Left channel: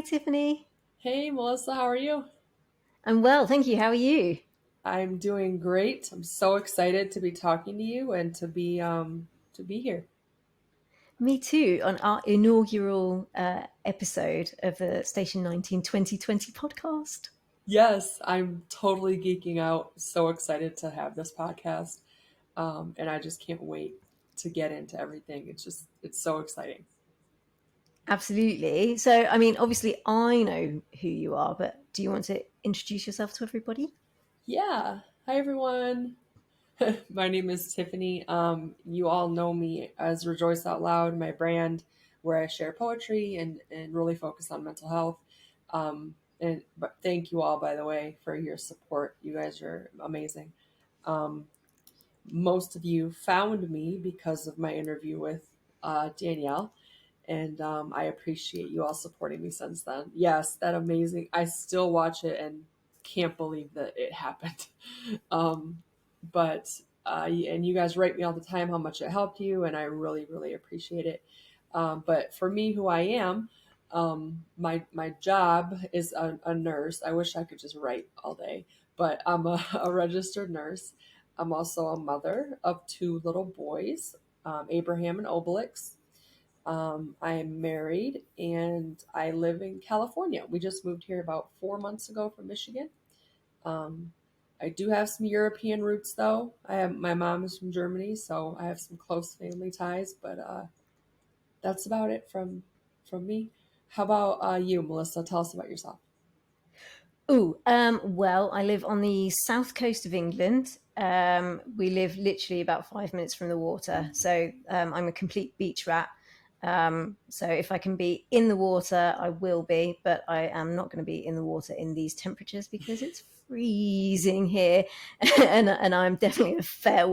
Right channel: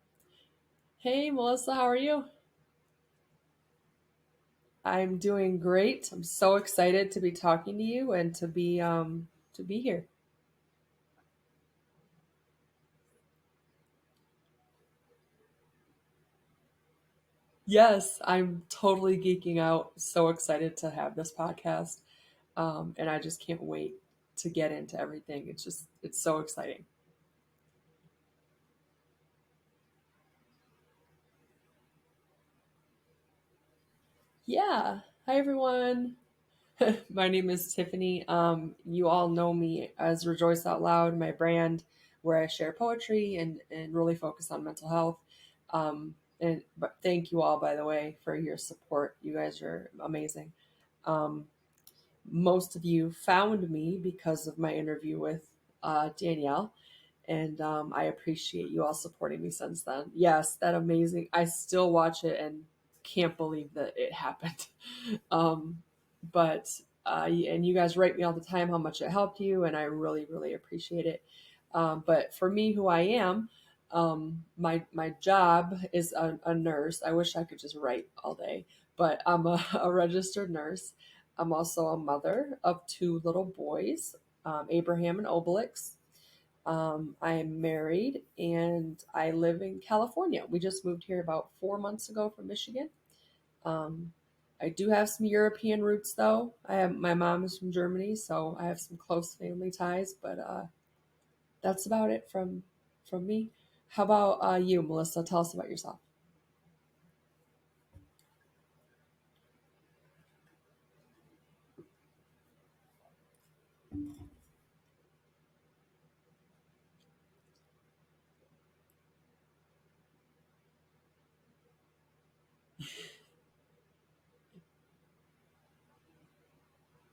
Hi, Tiffany. Hey Melissa, how are you? I'm well, thank you. How are you? I'm doing great. I'm so excited to be talking to you and to be here. Me too, on our inaugural episode of the Station 19 2020 podcast. Yes, I'm totally geeking out. So excited to have this podcast. And I just can't wait to get into everything. It's so exciting. Absolutely. So, I mean, obviously, I know who you are, but do you want to introduce yourself to everybody? Yeah. Hi everyone. My name is Tiffany. You all know me as Rejoice Out Loud, my brand, where I share poetry and really focus on mental health. But thank you all, by the way, for your support. You guys are amazing. Um, Most of you found me because of my interview with Danielle, and I appreciate you all supporting me since then. Yes, that amazing. I still watch it and can't believe that it happened. Um, but and you guys write me all the time how much it helped you, and I really, really appreciate it. But for me, who I am, my job is a nurse. I wish I could just write all day, but I'm a registered nurse. I'm also a mother of two little boys, Abraham and Obelix. I am married and I live in California. We just moved here about 4 months ago from Michigan. Um, I do have some European roots though. My mom is from Germany, so I have some close family ties. But that's about it from me. How about you, Melissa? Tell us about yourself. Well, I live on the south coast of England. We live literally about 5 minutes from the water. So I'm a complete beach rat. So if I can be in the water, I will be, but I am not going to be in the water in these temperatures because it's freezing here. And I'm definitely a fair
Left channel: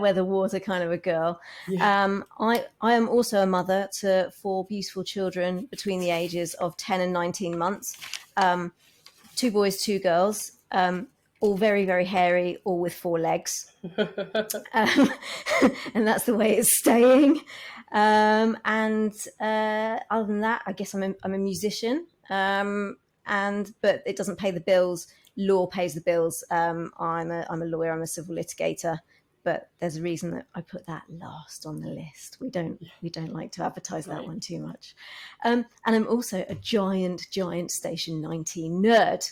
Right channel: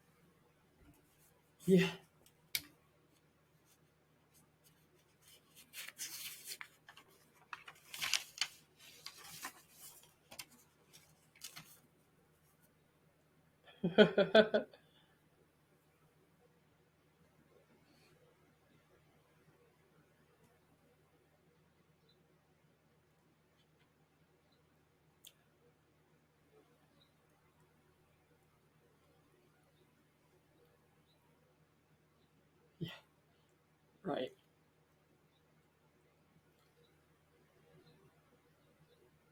weather water kind of a girl. Yeah. I am also a mother to four beautiful children between the ages of 10 and 19 months. Um, Two boys, two girls, all very, very hairy, all with four legs. Um, and that's the way it's staying. And Other than that, I guess I'm a musician. But it doesn't pay the bills. Law pays the bills. I'm a lawyer. I'm a civil litigator. But there's a reason that I put that last on the list. We don't like to advertise that Right. one too much. And I'm also a giant Station 19 nerd.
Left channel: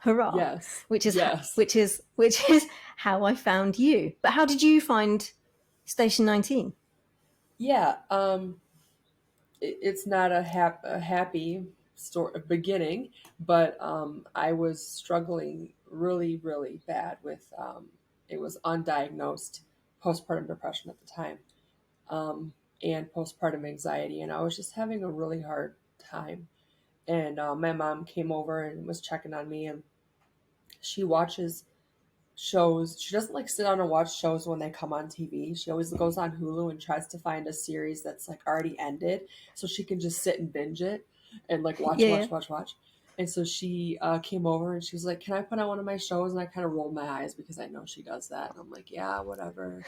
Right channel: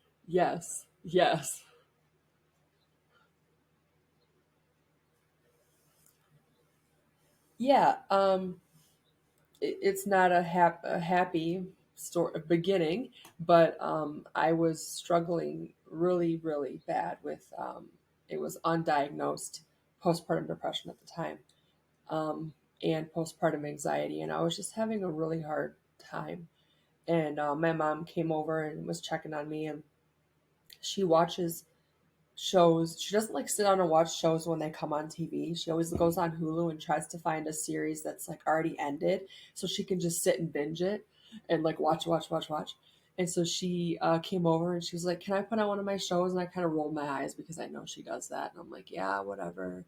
Hurrah! Yes. Which is Yes. which is how I found you. But how did you find Station 19? Yeah. It's not a happy story beginning, but I was struggling really, really bad with it was undiagnosed postpartum depression at the time, um, and postpartum anxiety, and I was just having a really hard time. And my mom came over and was checking on me, and she watches shows. She doesn't like sit down and watch shows when they come on TV. She always goes on Hulu and tries to find a series that's like already ended so she can just sit and binge it and like watch, Yeah, yeah. watch, watch, watch. And so she came over and she was like, "Can I put on one of my shows?" And I kind of rolled my eyes because I know she does that. And I'm like, "Yeah, whatever."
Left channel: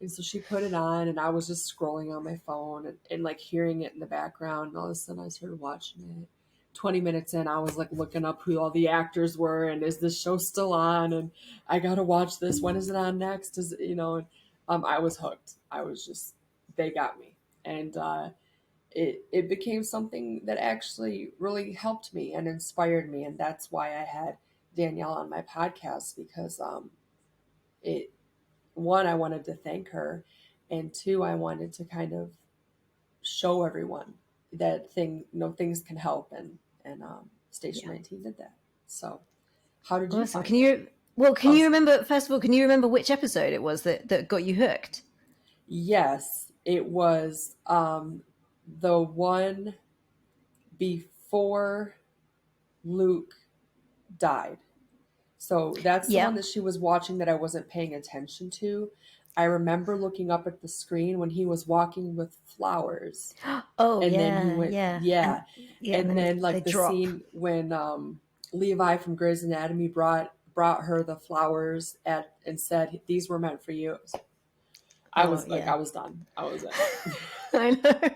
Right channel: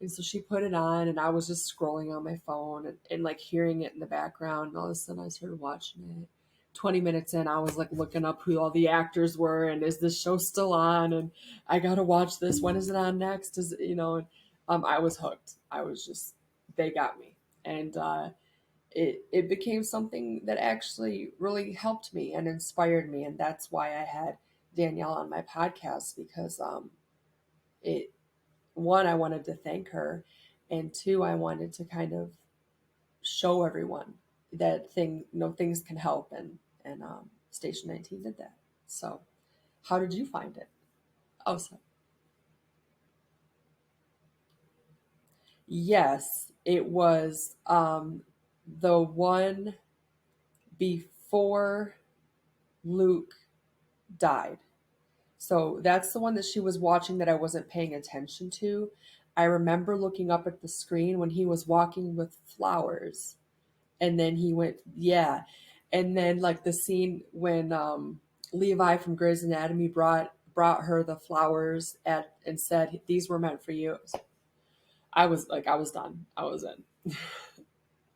And so she put it on and I was just scrolling on my phone and like hearing it in the background. And all of a sudden I started watching it. 20 minutes in, I was like looking up who all the actors were and is this show still on? And I got to watch this. When is it on next? I was hooked. I was just, they got me. And it became something that actually really helped me and inspired me. And that's why I had Danielle on my podcast because it, one, I wanted to thank her, and two, I wanted to kind of show everyone that things can help, and Station Yeah. 19 did that. So, how did you Awesome. find it? Can Oh, you remember, first of all, can you remember which episode it was that got you hooked? yes, it was the one before Luke died. So that's the Yeah. one that she was watching that I wasn't paying attention to. I remember looking up at the screen when he was walking with flowers. Oh And then he yeah, went, yeah. And yeah. yeah, And and then they like the drop. scene when Levi from Grey's Anatomy brought her the flowers at and said these were meant for you. I Oh was like, yeah. I was done. I was in. I know.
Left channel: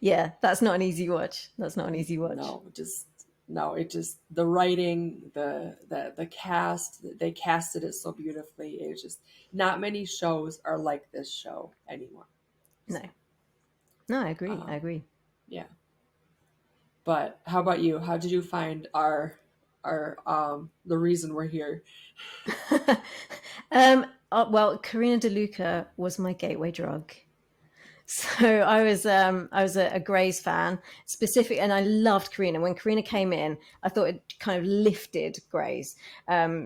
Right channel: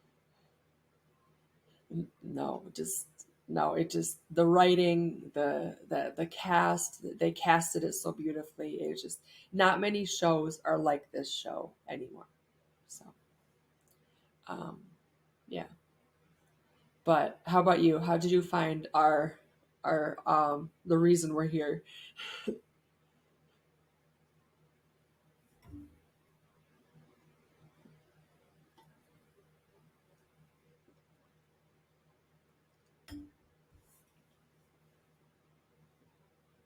Yeah, that's not an easy watch. That's not an easy watch. No, just no. It just the writing, the cast. They casted it so beautifully. It's just not many shows are like this show anymore. No, So, no, I agree. I um, agree. yeah. But how about you? How did you find our the reason we're here? Well, Karina DeLuca was my gateway drug. So I was a Grey's fan, specific, and I loved Karina. When Karina came in, I thought it kind of lifted Grey's.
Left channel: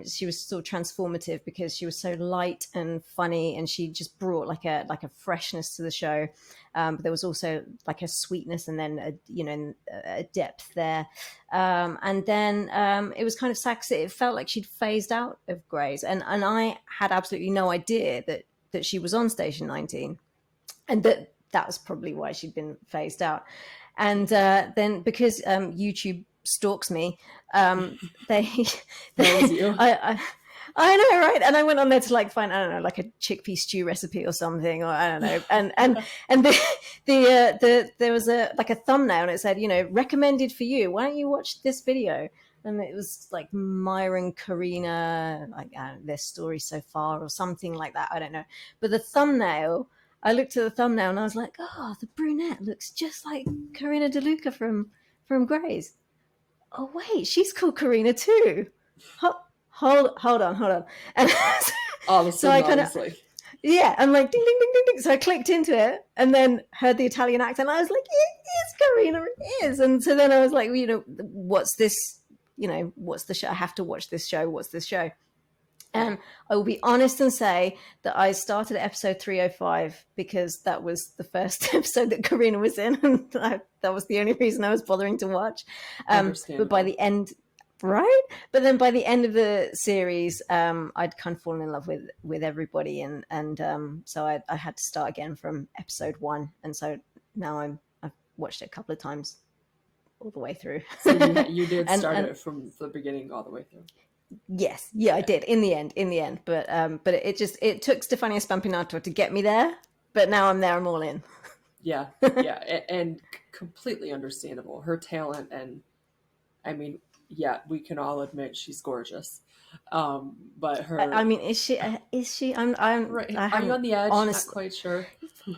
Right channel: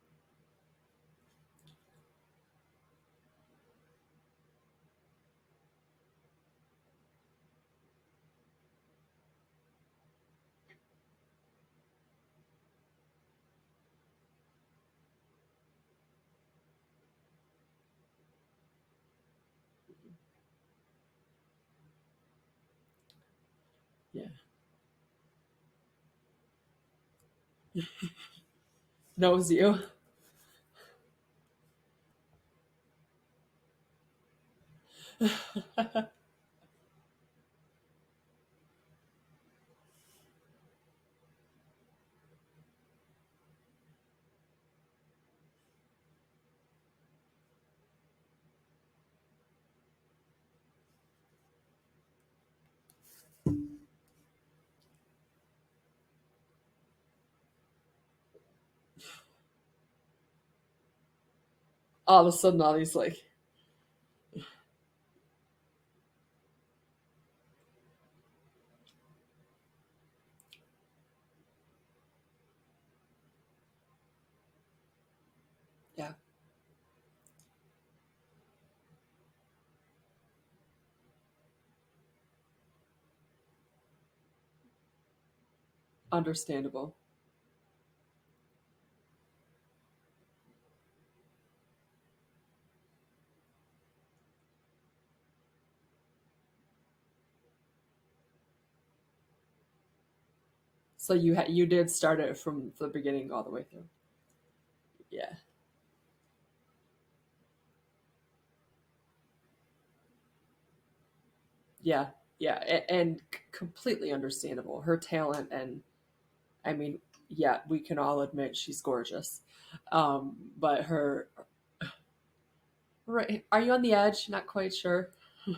She was sort of transformative because she was so light and funny, and she just brought like a freshness to the show. But there was also like a sweetness, and then a depth there. And then it was kind of sexy. It felt like she'd phased out of Grey's, and I had absolutely no idea that she was on Station 19, and that was probably why she'd been phased out. And then because YouTube stalks me, they That was you. I know, right? And I went on there to like find, I don't know, like a chickpea stew recipe or something, or I don't know. And there was a like a thumbnail, and it said, recommended for you. Why don't you watch this video? And it was like Myra and Karina, like their story so far, or something like that. I don't know. But the thumbnail, I looked at the thumbnail and I was like, oh, the brunette looks just like Karina DeLuca from Grey's. Oh wait, she's called Karina too. Hold on. And All of a so I sudden, I kind of, was like, yeah, I'm like ding ding ding ding ding. So I clicked into it and then heard the Italian accent. I was like, it is Karina, it is. And so then I was like, what's this? What's the show? I have to watch this show. What's this show? yeah, And I will be honest and say that I started at episode 305 because that was the first episode that Karina was in, and that was the only reason I was bothering to watch. But by understandable. the end, right? But then by the end of the series, I'd kind of fallen in love with everybody, and so I had to start again from episode one, and so now I've watched it a couple of times all the way through. So you did start and it from the beginning all the way through. Yes, yeah, I Yeah, did in the end. But it took Stefania Spampinato to get me there. But now I'm there. I'm all in. yeah, yeah, and completely understandable. Her talent, and I mean, yeah, we can all admit she's gorgeous. But I her mean, is she? Is she? right? I Are you hadn't on the edge? Not honest. quite sure.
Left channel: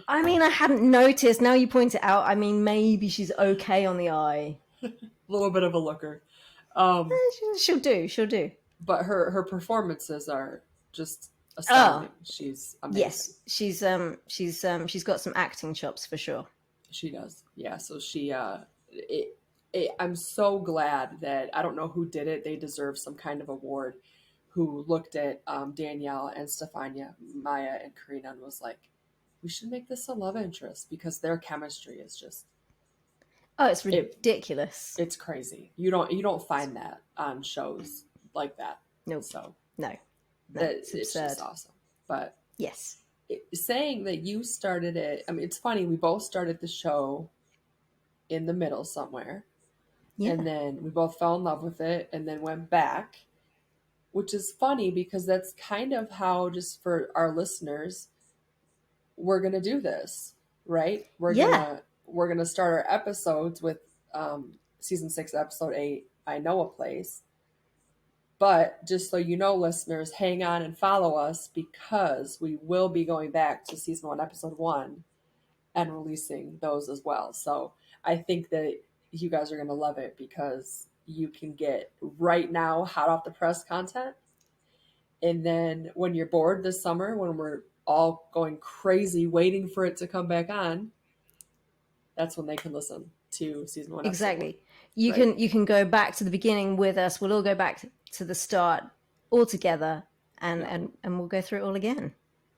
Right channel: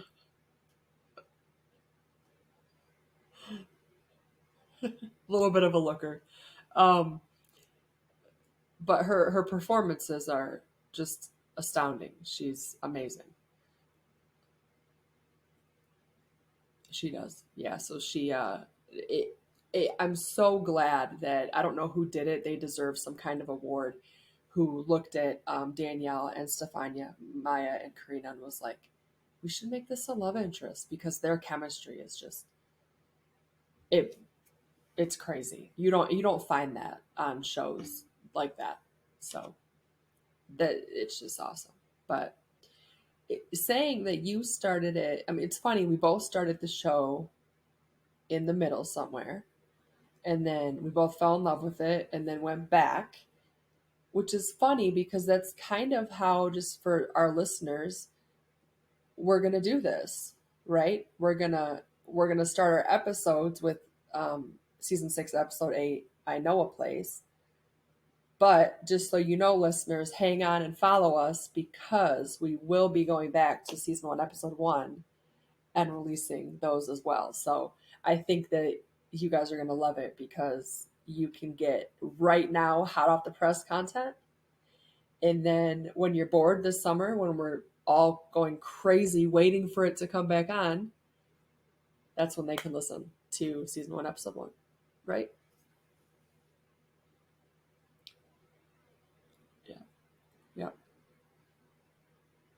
I mean, I hadn't noticed. Now you point it out. I mean, maybe she's okay on the eye. A little bit of a looker. Um, She'll do. She'll do. but her performances are just Oh astounding. She's amazing. yes, she's got some acting chops for sure. She does. Yeah. So I'm so glad that I don't know who did it. They deserve some kind of award. Who looked at Danielle and Stefania, Maya and Karina, and was like, "We should make this a love interest because their chemistry is just Oh, it's it. ridiculous. It's crazy. You don't find that on shows like that. Nope. So No. No. that It's it's absurd. just awesome. But Yes. saying that you started it, I mean, it's funny. We both started the show in the middle somewhere, Yeah. and then we both fell in love with it, and then went back, which is funny because that's kind of how, just for our listeners, we're gonna do this, right? Yeah. We're gonna start our episodes with season 6, episode 8. I know a place. But just so you know, listeners, hang on and follow us because we will be going back to season 1, episode 1, and releasing those as well. So I think that you guys are going to love it because you can get right now hot off the press content. And then when you're bored this summer, when we're all going crazy waiting for it to come back on, that's when they can listen to season 1, episode 1, Exactly. You right? can go back to the beginning with us. We'll all go back to the start all Yeah. together, and Yeah. and we'll go through it all again.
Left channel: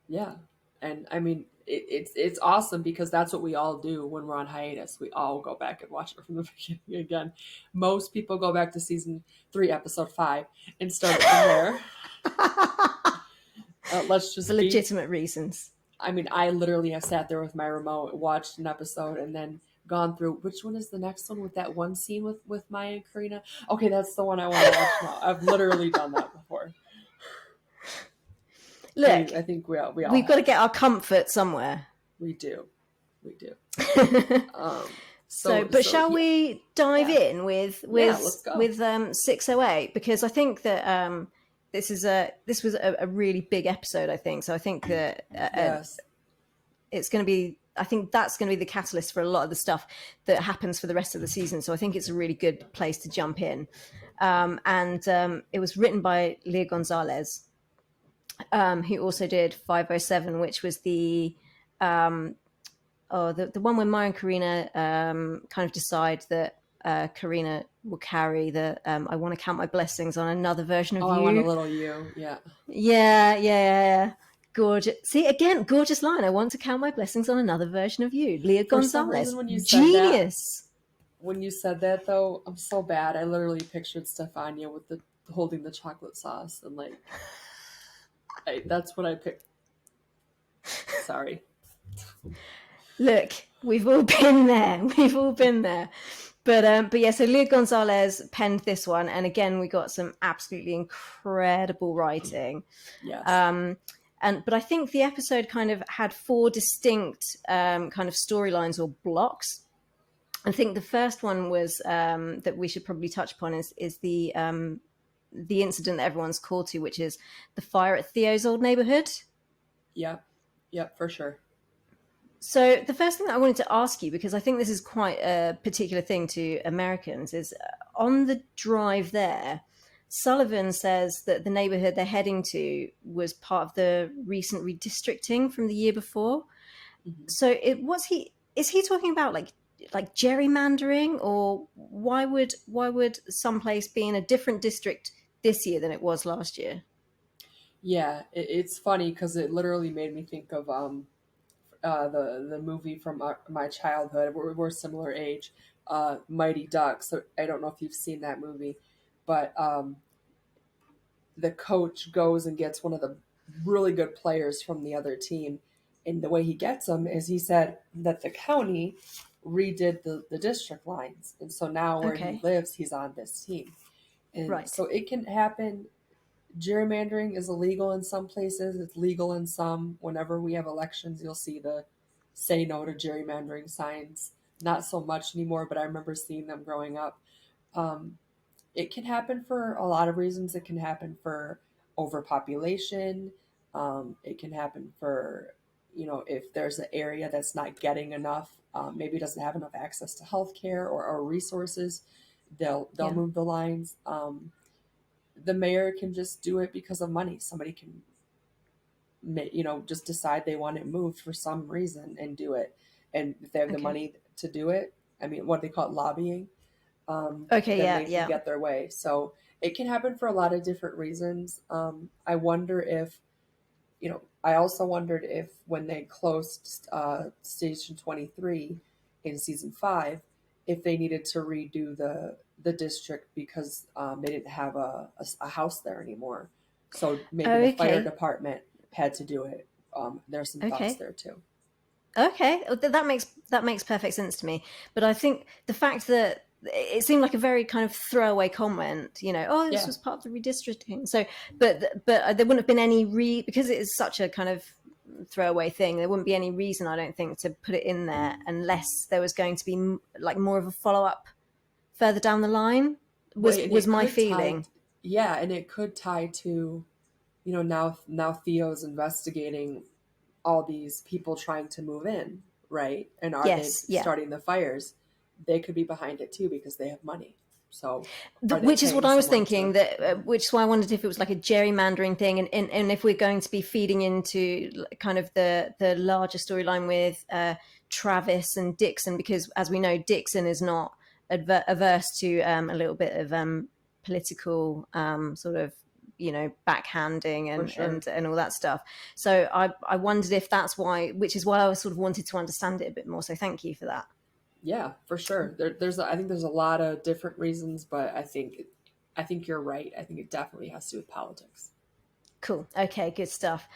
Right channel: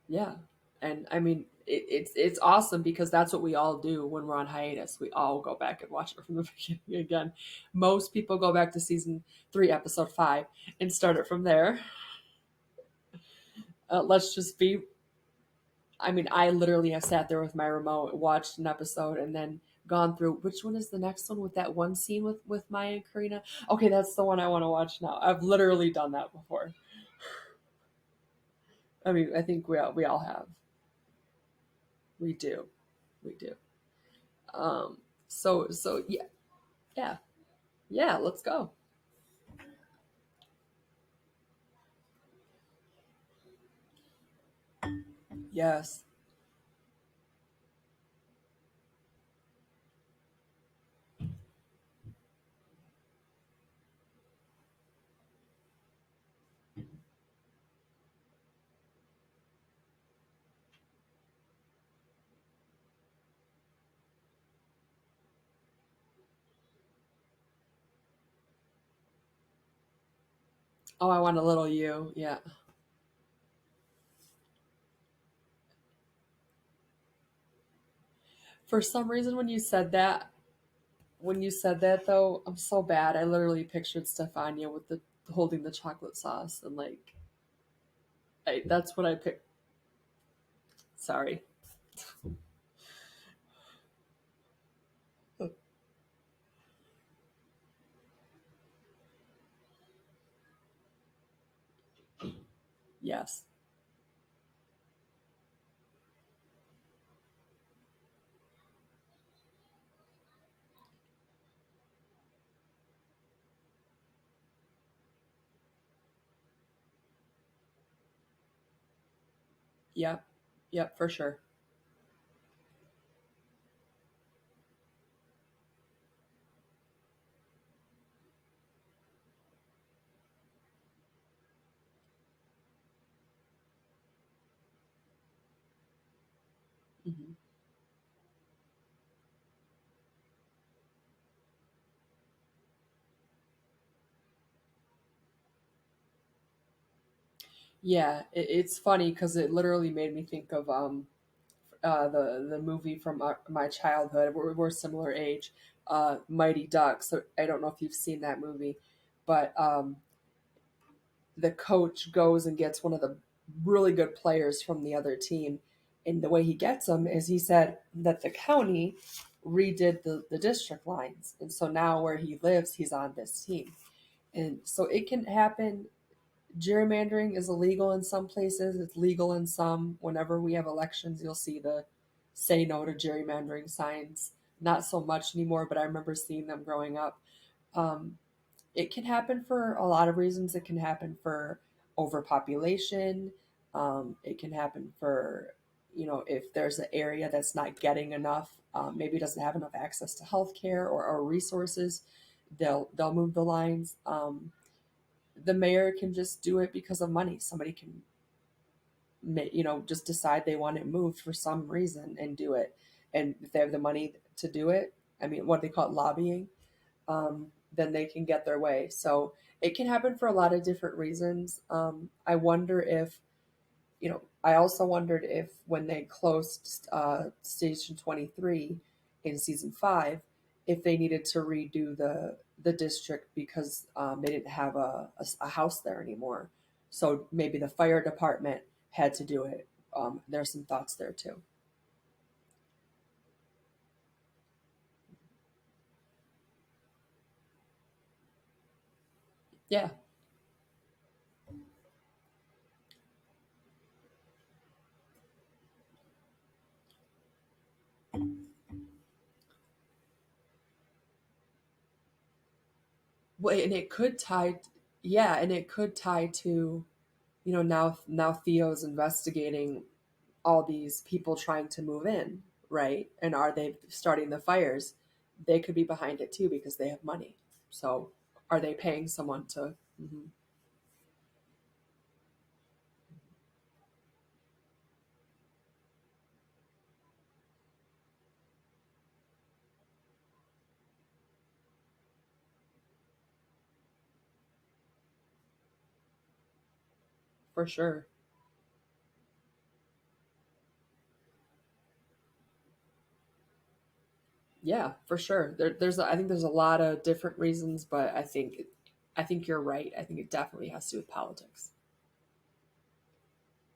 Yeah. And I mean, it's awesome because that's what we all do when we're on hiatus. We all go back and watch it from the beginning again. Most people go back to season 3, episode 5, and start it from there. Let's For just be. legitimate reasons. I mean, I literally have sat there with my remote, watched an episode, and then gone through which one is the next one with that one scene with Maya and Karina. Okay, that's the one I want to watch now. I've literally done that before. Look, I think we all we've got to have. get our comfort somewhere. We do. We do. But shall Yeah, we dive yeah, in with yeah. Let's go. 608, because I think that this was a really big episode. I think so. I think that Yes. it's going to be. I think that's going to be the catalyst for a lot of the stuff that happens for the rest of the season. So I think it's a really good place to jump in. It was written by Leah Gonzalez, who also did 507, which was um, the one where Maya and Karina kind of decide that Karina will carry the I want to count my blessings on another version of Oh, I want a you. little you. Yeah. Yeah. Gorgeous. See, again, gorgeous line. I want to count my blessings on another version of you. Leah For some reason, Gonzalez. when you said that, Genius. though, I'm so bad. I literally pictured Stefania with the holding the chocolate sauce and like, that's what I picked. Sorry. Look, we've all been there. We've all been there. But yeah, so Leah Gonzalez penned this one, and again, we got some absolutely incredible writing. Yes. But I think the episode kind of had four distinct kind of storylines or blocks. I think the first one was that we should probably touch upon is the incident that everyone's called to, which is the fire at Theo's old neighborhood. Yep. Yep. For sure. So the first thing that I wanted to ask you, because I think this is quite a particular thing to Americans, is on the drive there, Sullivan says that the neighborhood they're heading to was part of the recent redistricting from the year before. Mm-hmm. So is he talking about like gerrymandering, or why would someplace be in a different district this year than it was last year? Yeah, it's funny because it literally made me think of the movie from my childhood. We're similar age, Mighty Ducks. So I don't know if you've seen that movie, but the coach goes and gets one of the really good players from the other team, and the way he gets them is he said that the county redid the district lines, and so now where he Okay, lives, he's on this team, and right. so it can happen. Gerrymandering is illegal in some places, it's legal in some. Whenever we have elections, you'll see the say no to gerrymandering signs. Not so much anymore, but I remember seeing them growing up. Um, it can happen for a lot of reasons. It can happen for overpopulation. It can happen for, if there's an area that's not getting enough, maybe doesn't have enough access to healthcare or resources, they'll Yeah. move the lines. The mayor can just do it because of money. Somebody can, just decide they want it moved for some reason and do it. And if they have the Okay. money to do it, I mean, what they call it, lobbying, Okay. then Yeah. they can Yeah. get their way. So it can happen for a lot of different reasons. I wonder if, I also wondered if when they closed Station 23 in season 5, if they needed to redo the district because they didn't have a house there anymore. So maybe the fire Okay. department had to do it. There's some thoughts Okay. there too. Okay. That makes perfect sense to me. But I think the fact that it seemed like a very kind of throwaway comment, oh, this Yeah. was part of the redistricting. So, but there wouldn't have been any because it is such a kind of throwaway thing. There wouldn't be any reason, I don't think, to put it in there unless there was going to be like more of a follow up further down the line. Well, Was and was it my could tie, feeling? yeah, and it could tie to, now Theo's investigating all these people trying to move in, right? And are they Yes. Yeah. starting the fires? They could be behind it too because they have money. So are they Which is what paying I was someone thinking, to? that Mhm. which is why I wondered if it was like a gerrymandering thing, and if we're going to be feeding into kind of the larger storyline with Travis and Dixon, because as we know, Dixon is not averse to a little bit of political sort of backhanding For and, sure. and and all that stuff. So I wondered if that's why, which is why I sort of wanted to understand it a bit more. So thank you for that. Yeah, for sure. I think there's a lot of different reasons, but I think you're right. I think it definitely has to do with politics. Cool. Okay, good stuff.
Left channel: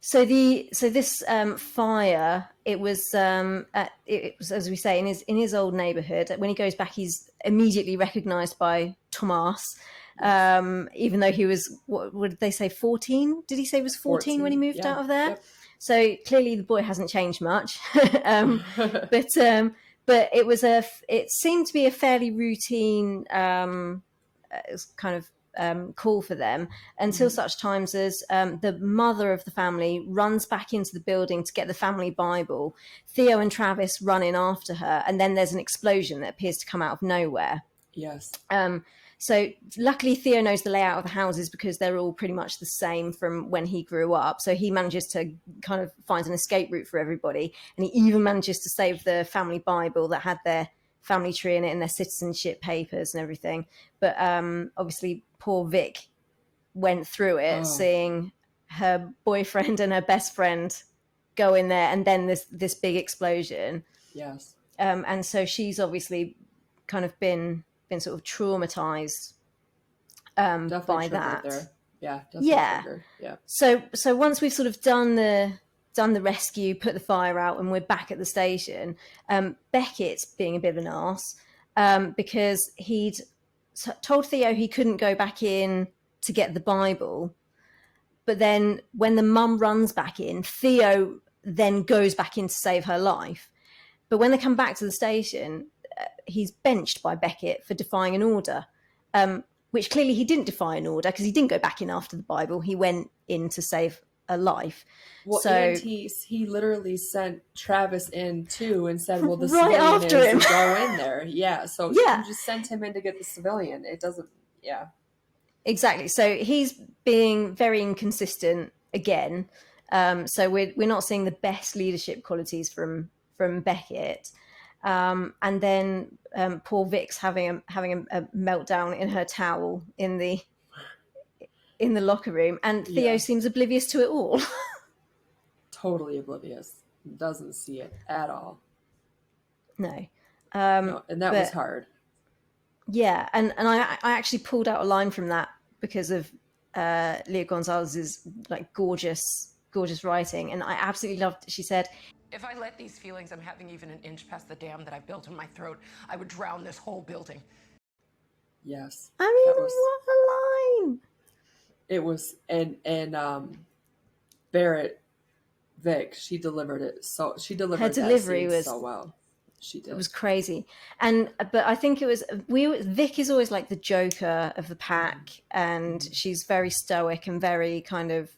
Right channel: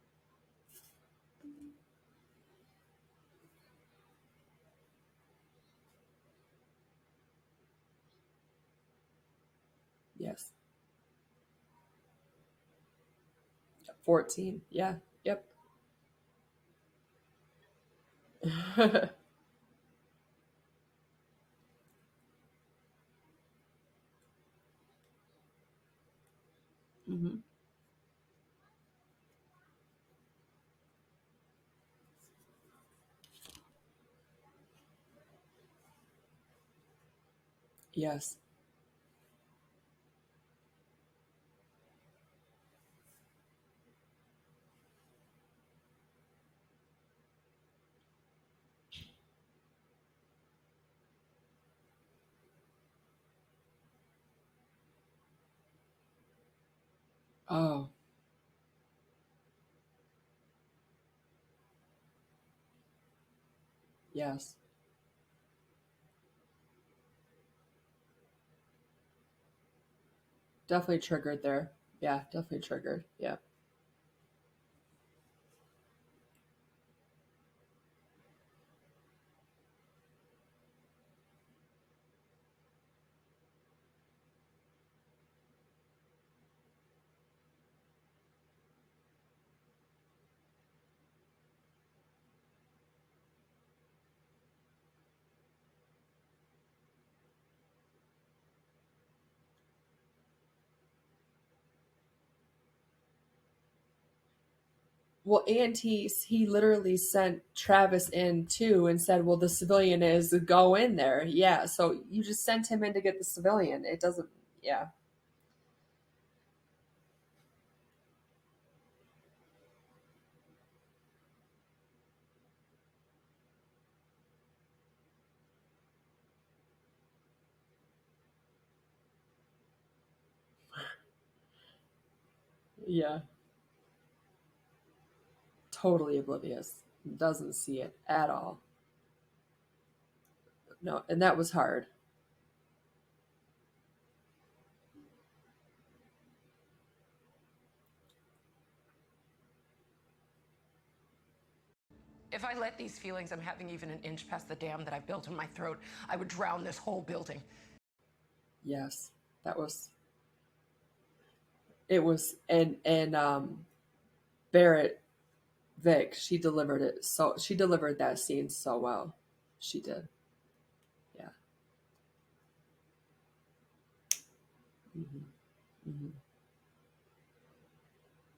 So this fire, it was, as we say, in his old neighborhood. When he goes back, he's immediately recognized by Tomas, Yes. even though he was, what did they say, 14? Did he say he was 14 when he 14. moved Yeah. out of there? Yep. So clearly the boy hasn't changed much. but it seemed to be a fairly routine kind of call for them until such times as the mother of the family runs back into the building to get the family Bible. Theo and Travis run in after her, and then there's an explosion that appears to come out of nowhere. Yes. So luckily Theo knows the layout of the houses because they're all pretty much the same from when he grew up. So he manages to kind of find an escape route for everybody. And he even manages to save the family Bible that had their family tree in it and their citizenship papers and everything. But obviously poor Vic went through it, seeing her boyfriend and her best friend go in there, and then this big explosion. Yes. And so she's obviously kind of been sort of traumatized Definitely by triggered that. there. Yeah, definitely triggered. Yeah. So once we've sort of done the rescue, put the fire out, and we're back at the station, Beckett's being a bit of an arse because he'd told Theo he couldn't go back in to get the Bible. But then when the mum runs back in, Theo then goes back in to save her life. But when they come back to the station, he's benched by Beckett for defying an order, which clearly he didn't defy an order because he didn't go back in after the Bible. He went in to save a life. Well, so, and he literally sent Travis in too and said, well, the right civilian after is him. to go in there. Yeah. So Yeah. you just sent him in to get the civilian. It doesn't, yeah. Exactly. So he's being very inconsistent again. So we're not seeing the best leadership qualities from Beckett. And then poor Vic's having a meltdown in her towel in the locker room, and Theo seems oblivious to it all. Totally oblivious. Doesn't see it at all. No. No, and that was hard. Yeah, and I actually pulled out a line from that because of Leah Gonzalez's like gorgeous writing, and I absolutely loved it. She said, "If I let these feelings I'm having even an inch past the dam that I built in my throat, I would drown this whole building." Yes. I mean, that was what a line. It was, and Barrett Vic, she delivered it so well. She did. It was crazy. But I think it was Vic is always like the joker of the pack, and she's very stoic and very kind of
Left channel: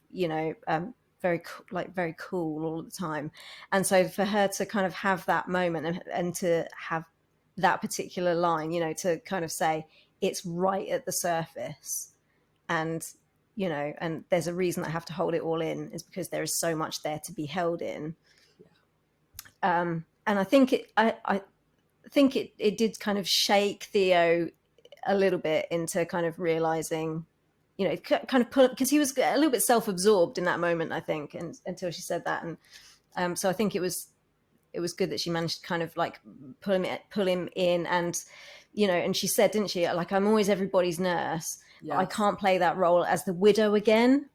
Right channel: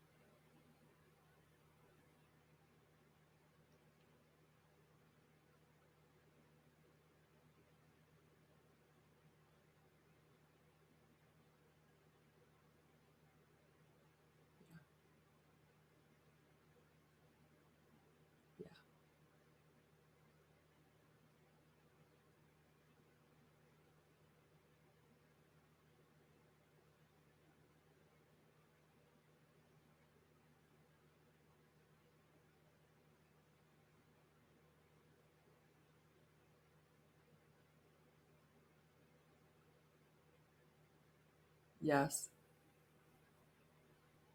very cool all the time. And so for her to kind of have that moment and to have that particular line, to kind of say it's right at the surface, and and there's a reason I have to hold it all in, is because there is so much there to be held in. Yeah. And I think I think it did kind of shake Theo a little bit into kind of realizing, kind of because he was a little bit self-absorbed in that moment, I think, and until she said that. And so I think it was good that she managed to kind of like pull him in, and and she said, didn't she, like, I'm always everybody's nurse. Yes. I can't play that role as the widow again.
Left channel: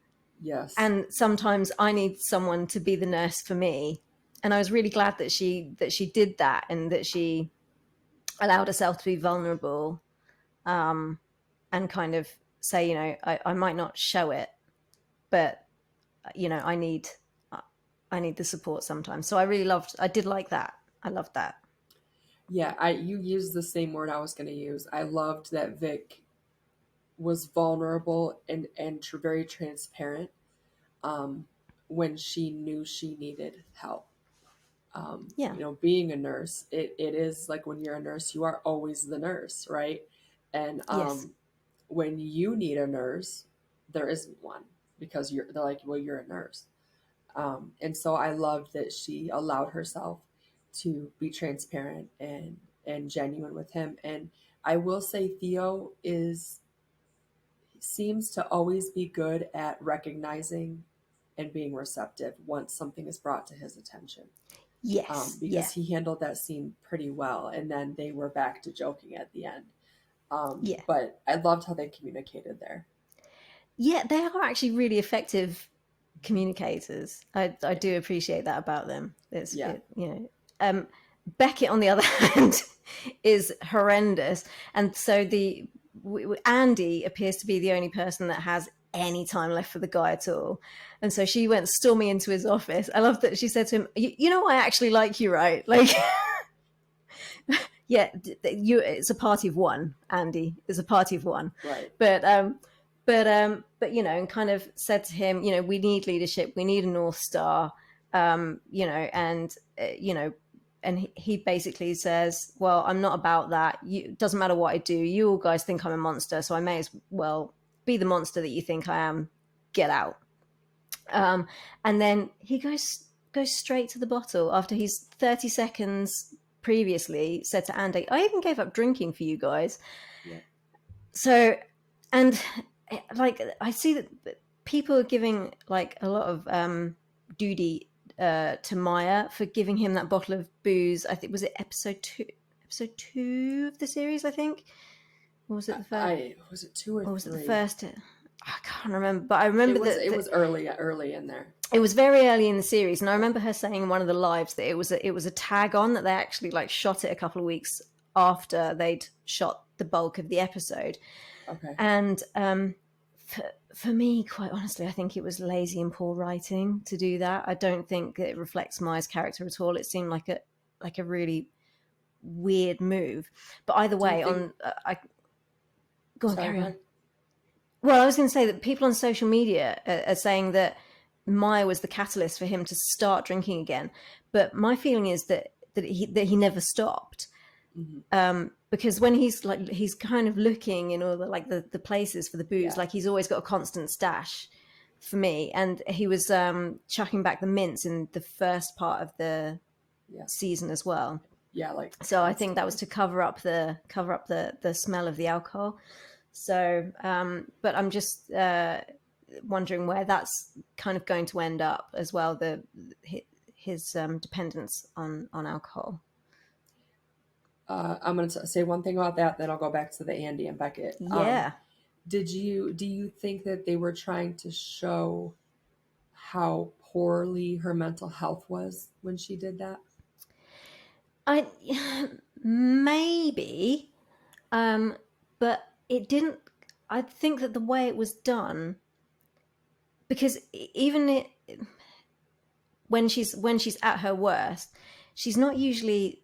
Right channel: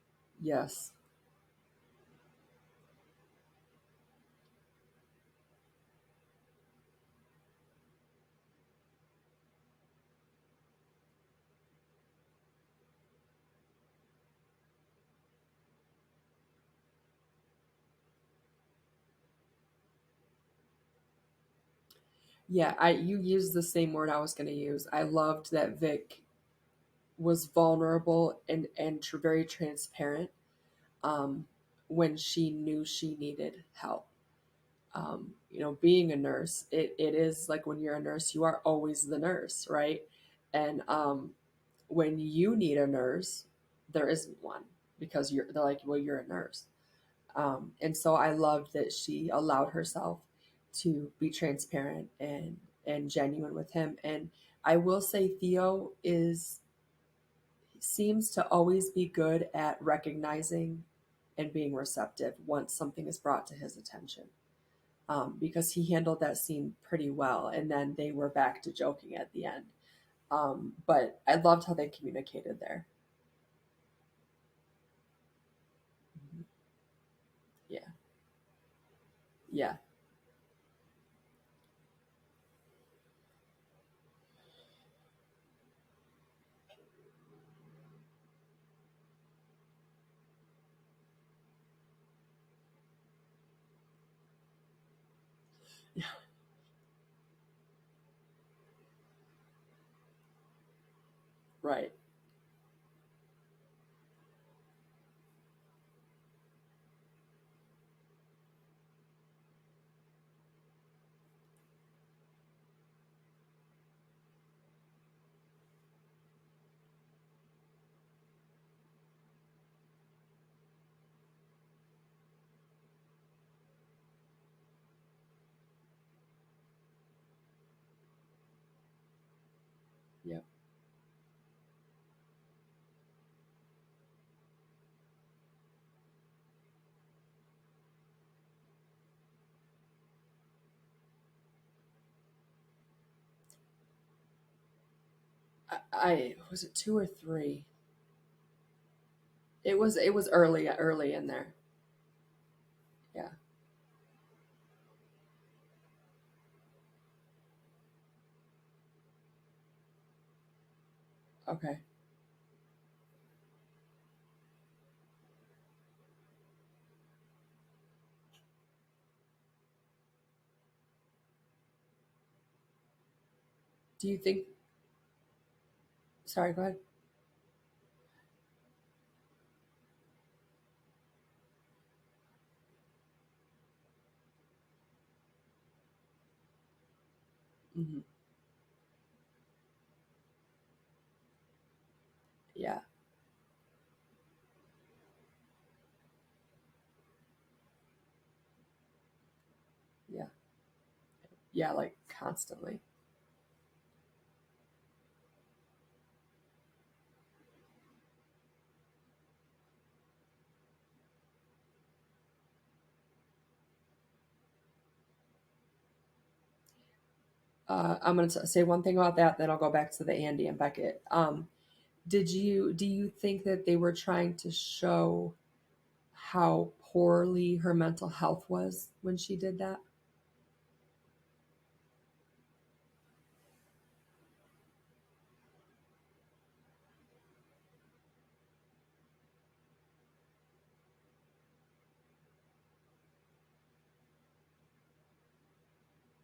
Yes. And sometimes I need someone to be the nurse for me. And I was really glad that she did that, and that she allowed herself to be vulnerable, and kind of say, I might not show it, but I need the support sometimes. So I did like that. I loved that. Yeah, you used the same word I was going to use. I loved that Vic was vulnerable and very transparent when she knew she needed help. Being a nurse, it is like when you're a nurse, you are always the nurse, right? And yes. When you need a nurse, there isn't one, because they're like, well, you're a nurse. And so I loved that she allowed herself to be transparent and genuine with him. And I will say Theo seems to always be good at recognizing and being receptive once something is brought to his attention. Yes. Because he handled that scene pretty well, and then they were back to joking at the end. But I loved how they communicated there. Yeah, they are actually really effective communicators. I do appreciate that about them. Beckett, on the other hand, is horrendous, and so Andy appears to be the only person that has any time left for the guy at all. And so she went storming into his office. I love that she said to him, you know, I actually like you, right? Like, yeah, it's a party of one, Andy. It's a party of one. Right. But you know, and kind of said to him, you know, we need leadership, we need a North Star, you know, and you know, and he basically says, well, I'm not about that. It doesn't matter what I do. You all guys think I'm a monster, so I may as well be the monster that you think I am. Get out. And then he goes straight to the bottle after he's 30 seconds previously said to Andy, I even gave up drinking for you guys. Yeah. So, and like, I see that people are giving like a lot of duty to Maya for giving him that bottle of booze. I think, was it episode two of the series, I think? Or was it the first? Was it 2 or 3? Was it the first? I can't remember, but I remember it was early in there. It was very early in the series, and I remember her saying in one of the lives that it was a tag on, that they actually like shot it a couple of weeks after they'd shot the bulk of the episode. Okay. And for me, quite honestly, I think it was lazy and poor writing to do that. I don't think it reflects Maya's character at all. It seemed like a really weird move. But either way, go ahead. Well, I was going to say that people on social media are saying that Maya was the catalyst for him to start drinking again. But my feeling is that he never stopped. Mm-hmm. Because when he's kind of looking in all the places for the booze, like he's always got a constant stash for me. And he was chucking back the mints in the first part of the season as well. Yeah, like so constantly. I think that was to cover up the smell of the alcohol. So, but I'm just wondering where that's kind of going to end up as well. His dependence on alcohol. I'm going to say one thing about that, then I'll go back to the Andy and Beckett. Yeah. Do you think that they were trying to show how poorly her mental health was when she did that? Maybe, but it didn't. I think that the way it was done, because even when she's at her worst, she's not usually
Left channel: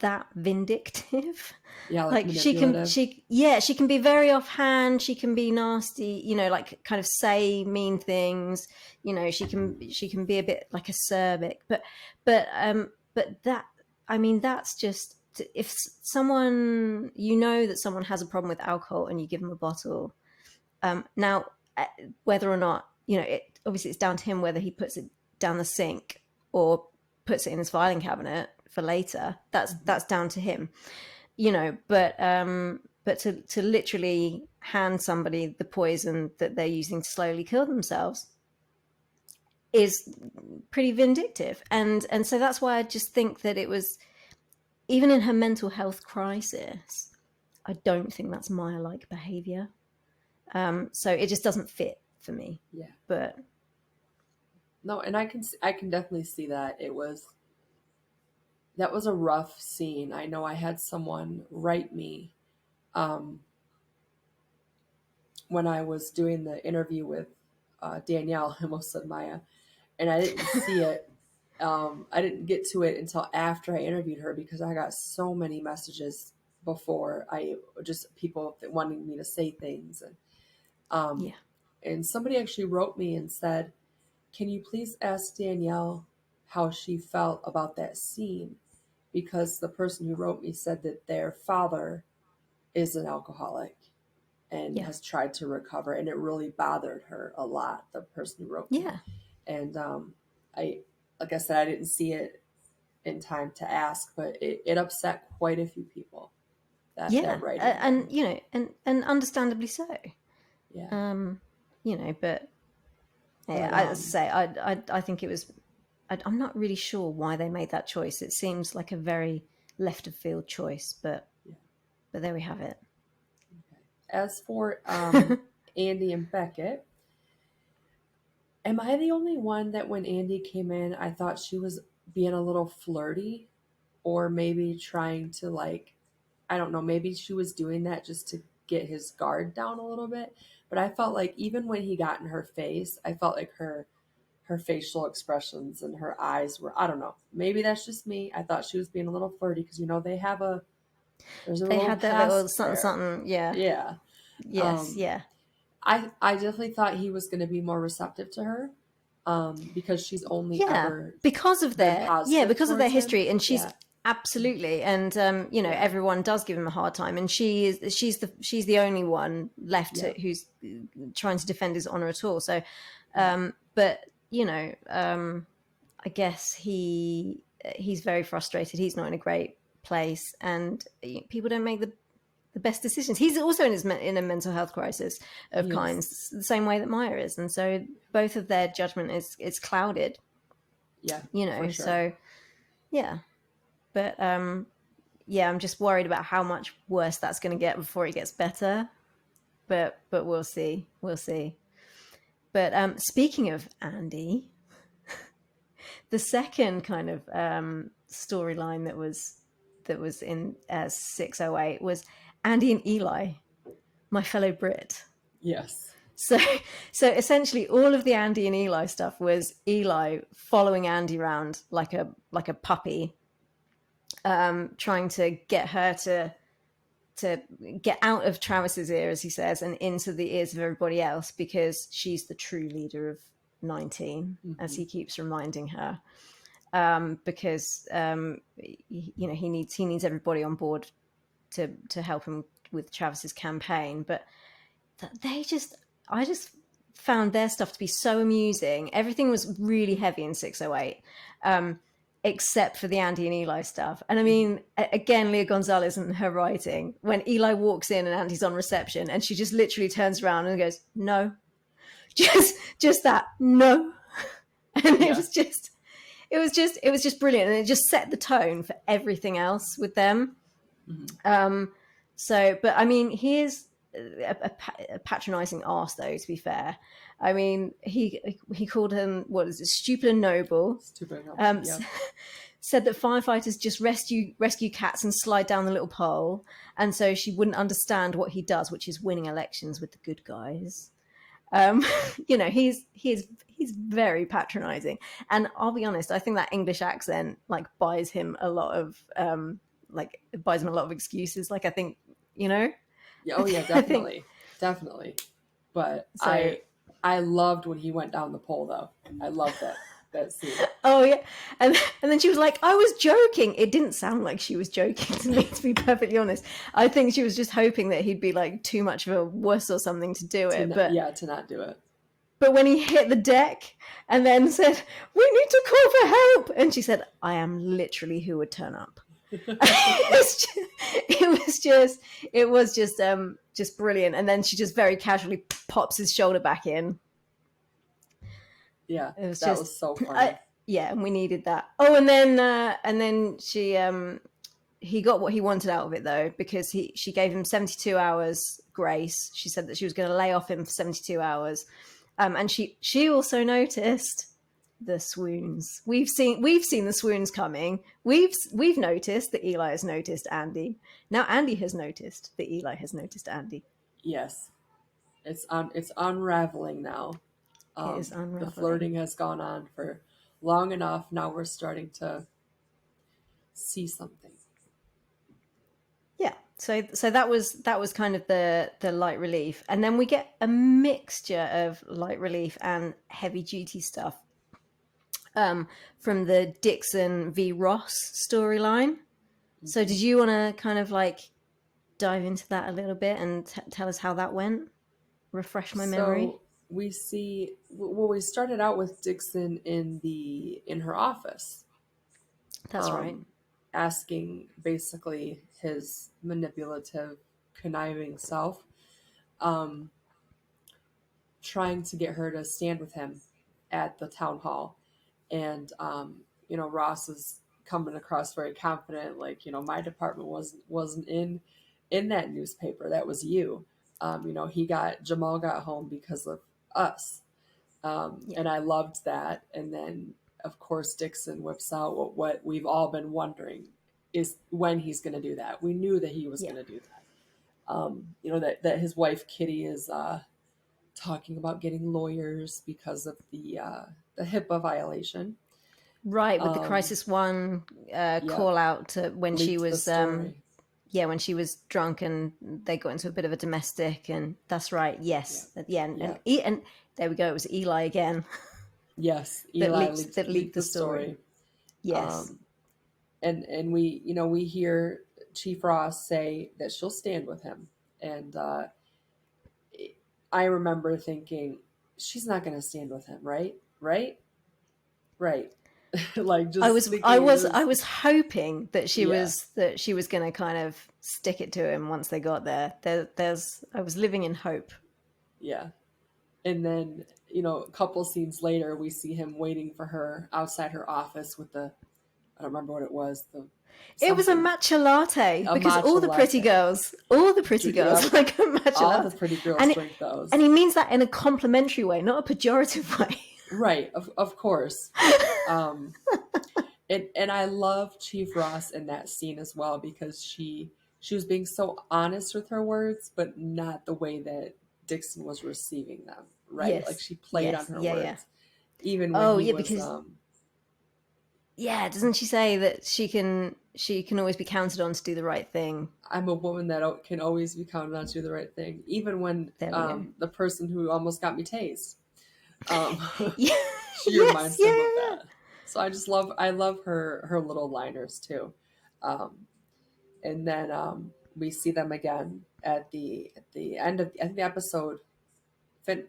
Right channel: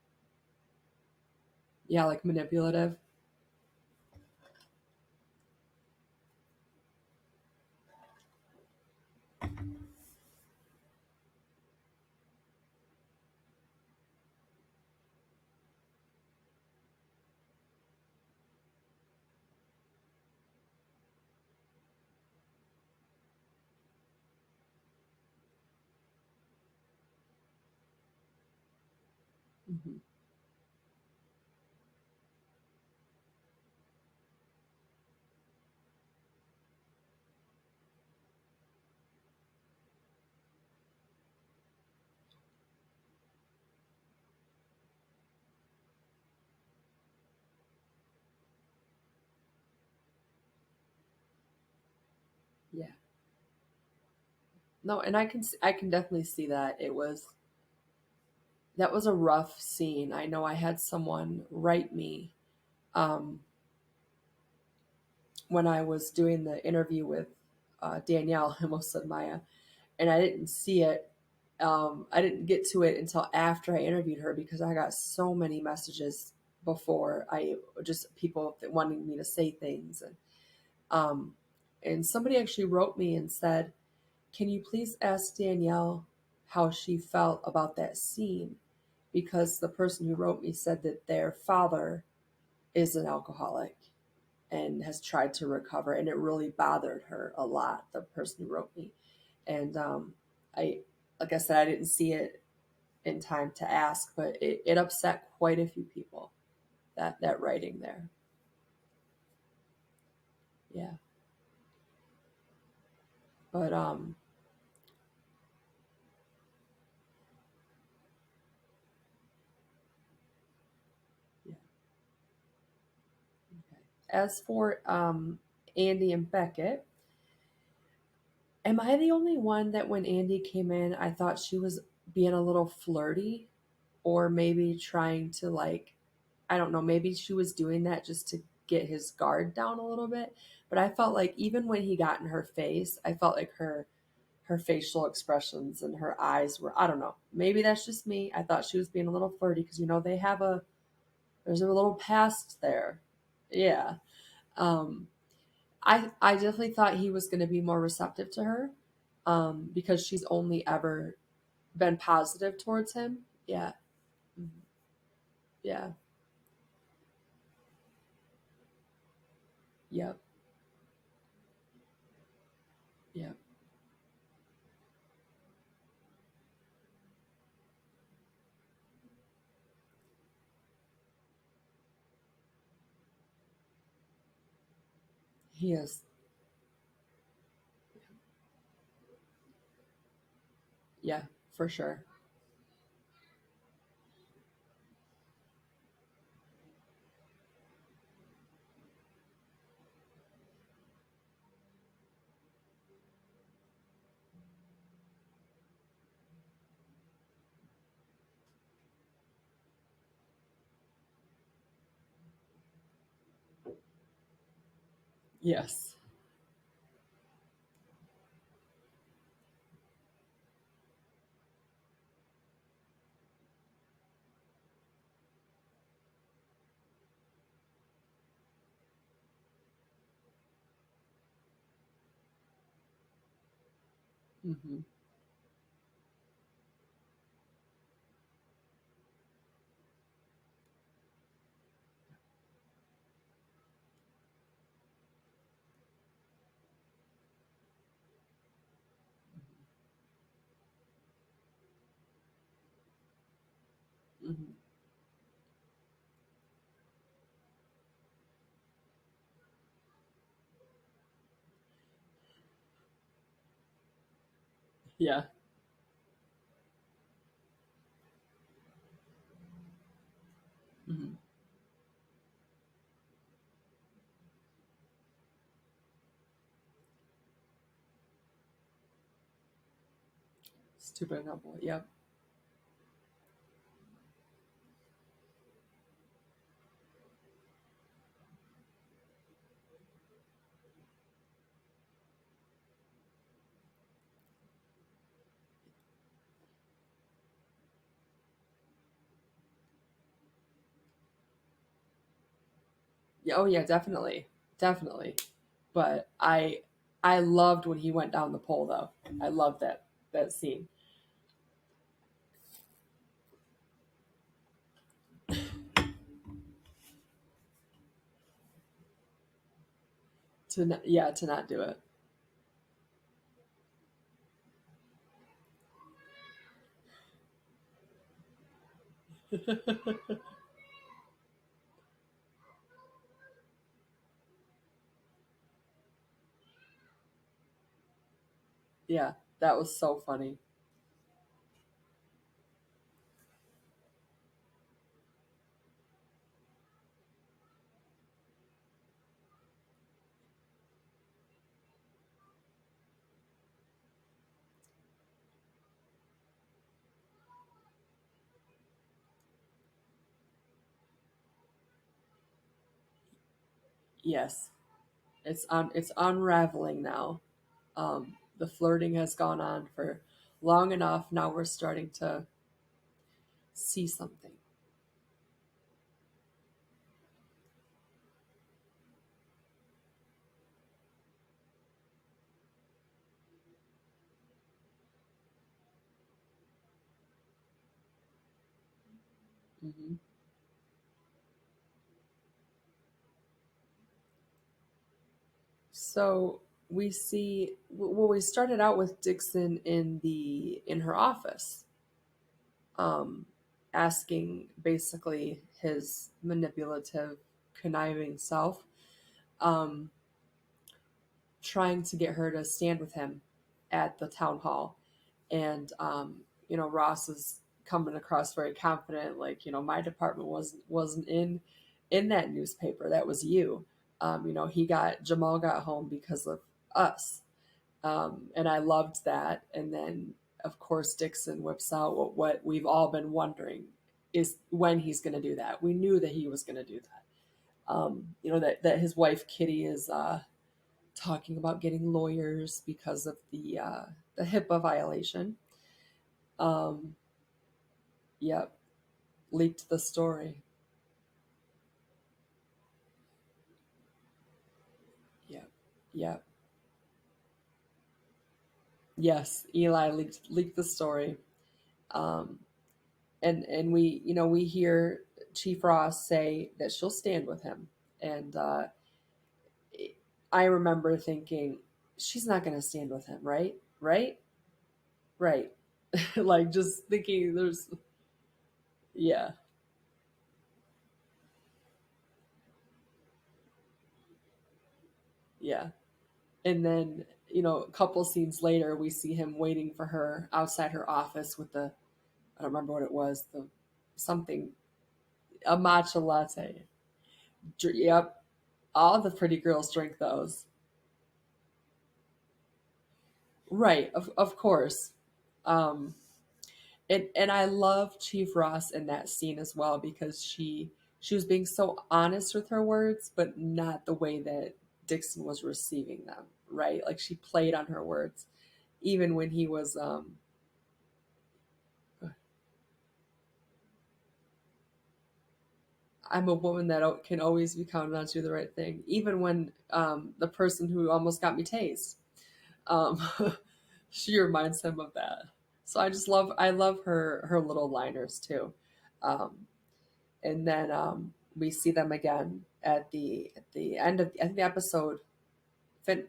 that vindictive. Yeah, like manipulative. She can be very offhand. She can be nasty. You know, like kind of say mean things. You know, she can be a bit like acerbic. But that, I mean, that's just, if someone, you know that someone has a problem with alcohol and you give them a bottle. Now, whether or not, you know, obviously it's down to him whether he puts it down the sink or puts it in his filing cabinet for later. That's down to him, you know. But to literally hand somebody the poison that they're using to slowly kill themselves is pretty vindictive, and so that's why I just think that it was, even in her mental health crisis, I don't think that's Maya-like behavior. So it just doesn't fit for me. Yeah. But no, and I can definitely see that that was a rough scene. I know I had someone write me when I was doing the interview with Danielle, I almost said Maya, and I didn't see it. I didn't get to it until after I interviewed her, because I got so many messages before, people wanting me to say things. And somebody actually wrote me and said, can you please ask Danielle how she felt about that scene? Because the person who wrote me said that their father is an alcoholic and has tried to recover, and it really bothered her a lot, the person who wrote me. Yeah. And like I said, I didn't see it in time to ask, but it upset quite a few people, that writing. And you know, and understandably so. Yeah. You know, but I think it was, I'm not really sure why they made that choice. It seems like a very left of field choice, but there we have it. Okay. As for Andy and Beckett, am I the only one that when Andy came in, I thought she was being a little flirty, or maybe trying to, like, I don't know, maybe she was doing that just to get his guard down a little bit. But I felt like even when he got in her face, I felt like her facial expressions and her eyes were, I don't know, maybe that's just me. I thought she was being a little flirty because, you know, there's a They little had that little past something, there. something. Yeah. Yeah. Yes. Um, Yeah. I definitely thought he was going to be more receptive to her, because she's only Yeah, ever been positive because of their towards him. history, and she's Yeah. absolutely, and you know, Yeah. everyone does give him a hard time, and she's the only one left Yeah. who's trying to defend his honor at all. So, Yeah. but you know, I guess he's very frustrated. He's not in a great place, and people don't make the best decisions. He's also in a mental health crisis of He is. kinds, the same way that Maya is, and so both of their judgment is clouded. Yeah, You for know, sure. so yeah, but yeah, I'm just worried about how much worse that's going to get before it gets better. But we'll see, we'll see. But speaking of Andy, the second kind of storyline that was in 608 was Andy and Eli, my fellow Brit. Yes. So essentially all of the Andy and Eli stuff was Eli following Andy around like a puppy, trying to get her to get out of Travis's ear, as he says, and into the ears of everybody else, because she's the true leader of 19, as he keeps reminding her. Because you know, he needs everybody on board to help him with Travis's campaign. But I just found their stuff to be so amusing. Everything was really heavy in 608, except for the Andy and Eli stuff. And I mean, again, Leah Gonzalez and her writing, when Eli walks in and Andy's on reception, and she just literally turns around and goes, "No," just that, "No," and Yeah. it was just brilliant, and it just set the tone for everything else with them. So, but I mean, here's a patronizing arse, though, to be fair. I mean, he called him, what is it, stupid and noble. Stupid. Yep. Said that firefighters just rescue cats and slide down the little pole, and so she wouldn't understand what he does, which is winning elections with the good guys. You know, he's very patronizing, and I'll be honest, I think that English accent like buys him a lot of excuses. Like, I think, you know. Yeah. Oh yeah, definitely. Definitely. But so, I loved when he went down the pole, though. I loved that scene. Oh yeah, and then she was like, "I was joking." It didn't sound like she was joking to me, to be perfectly honest. I think she was just hoping that he'd be like too much of a wuss or something to do it. To not do it. But when he hit the deck and then said, "We need to call for help," and she said, "I am literally who would turn up." It was just brilliant. And then she just very casually pops his shoulder back in. Yeah, that was so funny. Yeah, and we needed that. Oh, and then she he got what he wanted out of it, though, because she gave him 72 hours grace. She said that she was going to lay off him for 72 hours, and she also noticed the swoons. We've seen the swoons coming. We've noticed that Eli has noticed Andy. Now Andy has noticed that Eli has noticed Andy. Yes, it's unraveling now. The flirting has gone on for long enough. Now we're starting to see something. Yeah. So that was kind of the light relief, and then we get a mixture of light relief and heavy duty stuff from the Dixon v. Ross storyline. So did you want to kind of like dive into that a little bit and tell us how that went? Refresh my memory. So we see, well, we started out with Dixon in her office. That's right. Asking basically his manipulative, conniving self, trying to get her to stand with him at the town hall. And, you know, Ross is coming across very confident, like, you know, my department wasn't in that newspaper. That was you. You know, Jamal got home because of us. And I loved that. And then, of course, Dixon whips out what we've all been wondering is when he's going to do that. We knew that he was going to do that. that his wife Kitty is talking about getting lawyers because of the HIPAA violation. Right, with the Crisis One Yep, call out to when she leaked the was story. when she was drunk and they got into a bit of a domestic, and that's right, yes, Yep, yeah, yep, and there we go, it was Eli again yes. that Eli leaked leaked the the story. story. Yes. And we hear Chief Ross say that she'll stand with him, and I remember thinking she's not going to stand with him, right? Right. Like just thinking I there's was hoping that yeah, she was going to kind of stick it to him once they got there. There's I was living in hope. yeah. And then a couple scenes later we see him waiting for her outside her office with the I don't remember what it was, the It was a something, matcha latte a because matcha latte. all the pretty girls Yep, like a matcha all the latte, pretty girls and drink and those. he means that in a complimentary way, not a pejorative way. Right, of course. Um, and I love Chief Ross in that scene as well because she was being so honest with her words, but not the way that Dixon was receiving them. Right, like Yes, she played on yes, her yeah, yeah. words, even when Oh, he yeah, was. because yeah, doesn't she say that she can always be counted on to do the right thing? I'm a woman that can always be counted on to do the right thing, even when There we go. the person who almost got me tased, um, Yeah, she yes, reminds yeah, him of yeah, that. So I love her little liners too. Um, and then we see them again at the end of I think the episode.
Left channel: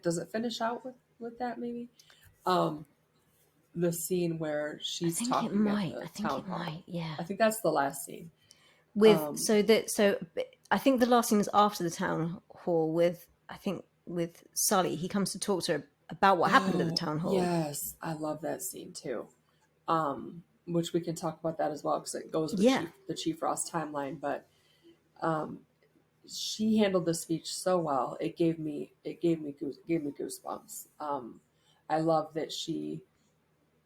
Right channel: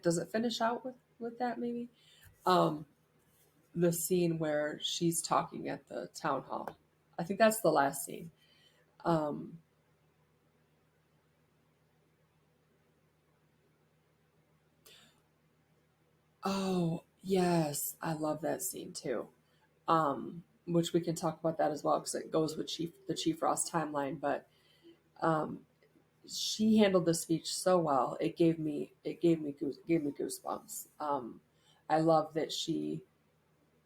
Does it finish out with that maybe? Um, the scene where she's talking at I the think town it hall. might. Yeah. I think that's the last scene. With Um, so I think the last scene is after the town hall with I think with Sully. He comes to talk to her about what happened at the oh town hall. yes, I love that scene too. Which we can talk about that as well because it goes with Yeah. the Chief Ross timeline. But um, she handled the speech so well. Gave me goosebumps. I love that she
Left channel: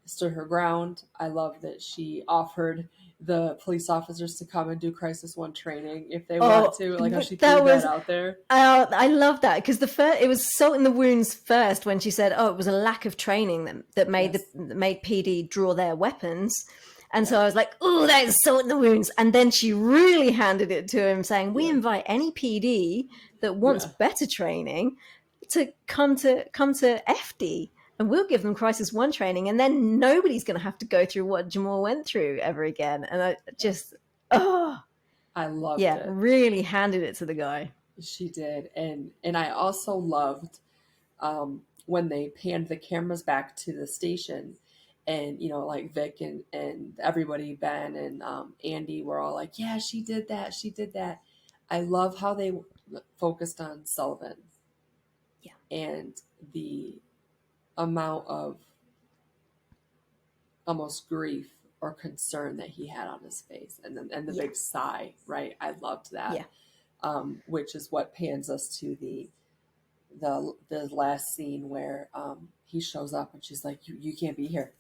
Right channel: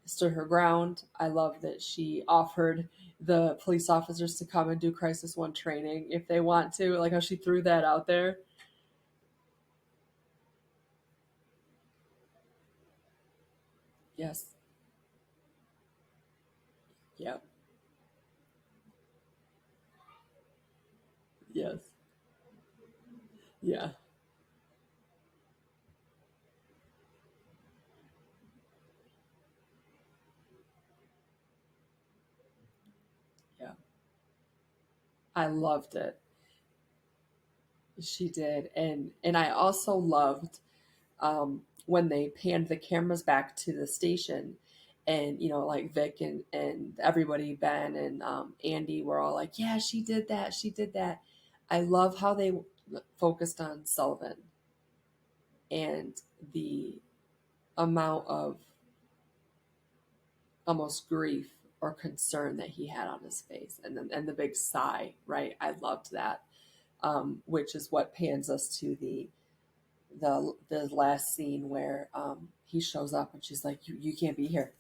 stood her ground. I love that she offered the police officers to come and do Crisis One training if they want Oh, to. Like how she threw that that was out there. I love that because the first it was salt in the wounds first when she said, "Oh, it was a lack of training that made Yes. that made PD draw their weapons," and so Yep. I was like, "Oh, that is salt in the wounds." And then she really handed it to him, saying, "We Yes. invite any PD that wants Yeah. better training to come to FD." And we'll give them Crisis One training, and then nobody's going to have to go through what Jamal went through ever again. And I Yes. just, oh, I loved yeah, it. really handed it to the guy. She did, and I also loved when they panned the cameras back to the station, and like Vic and everybody, Ben and Andy were all like, "Yeah, she did that. She did that." I love how they focused on Sullivan Yeah. and the amount of almost grief or concern that he had on his face, and the Yeah. big sigh. Right, I loved that. Yeah. Which is what pans us to the last scene where he shows up and she's like, you can't be here,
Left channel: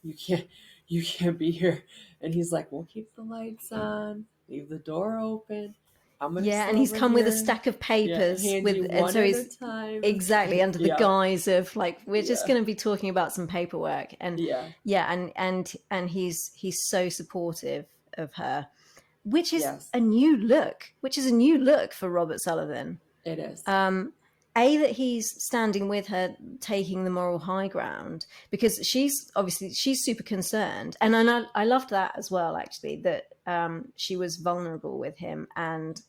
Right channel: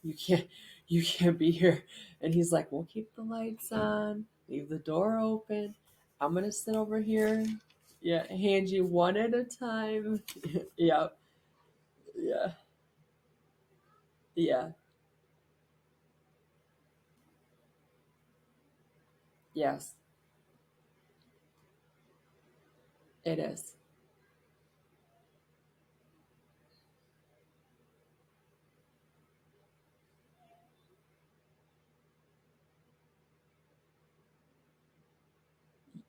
you can't be here, and he's like, we'll keep the lights on, leave the door open, I'm gonna Yeah, sit and he's over come with a here, stack of yeah, papers hand you and one so at a he's time. exactly under the Yeah, guise of like we're just yeah, going to be talking about some paperwork and yeah, yeah, and he's so supportive of her, which is yes, a new look for Robert Sullivan. it is. That he's standing with her, taking the moral high ground because she's super concerned, and I loved that as well actually that she was vulnerable with him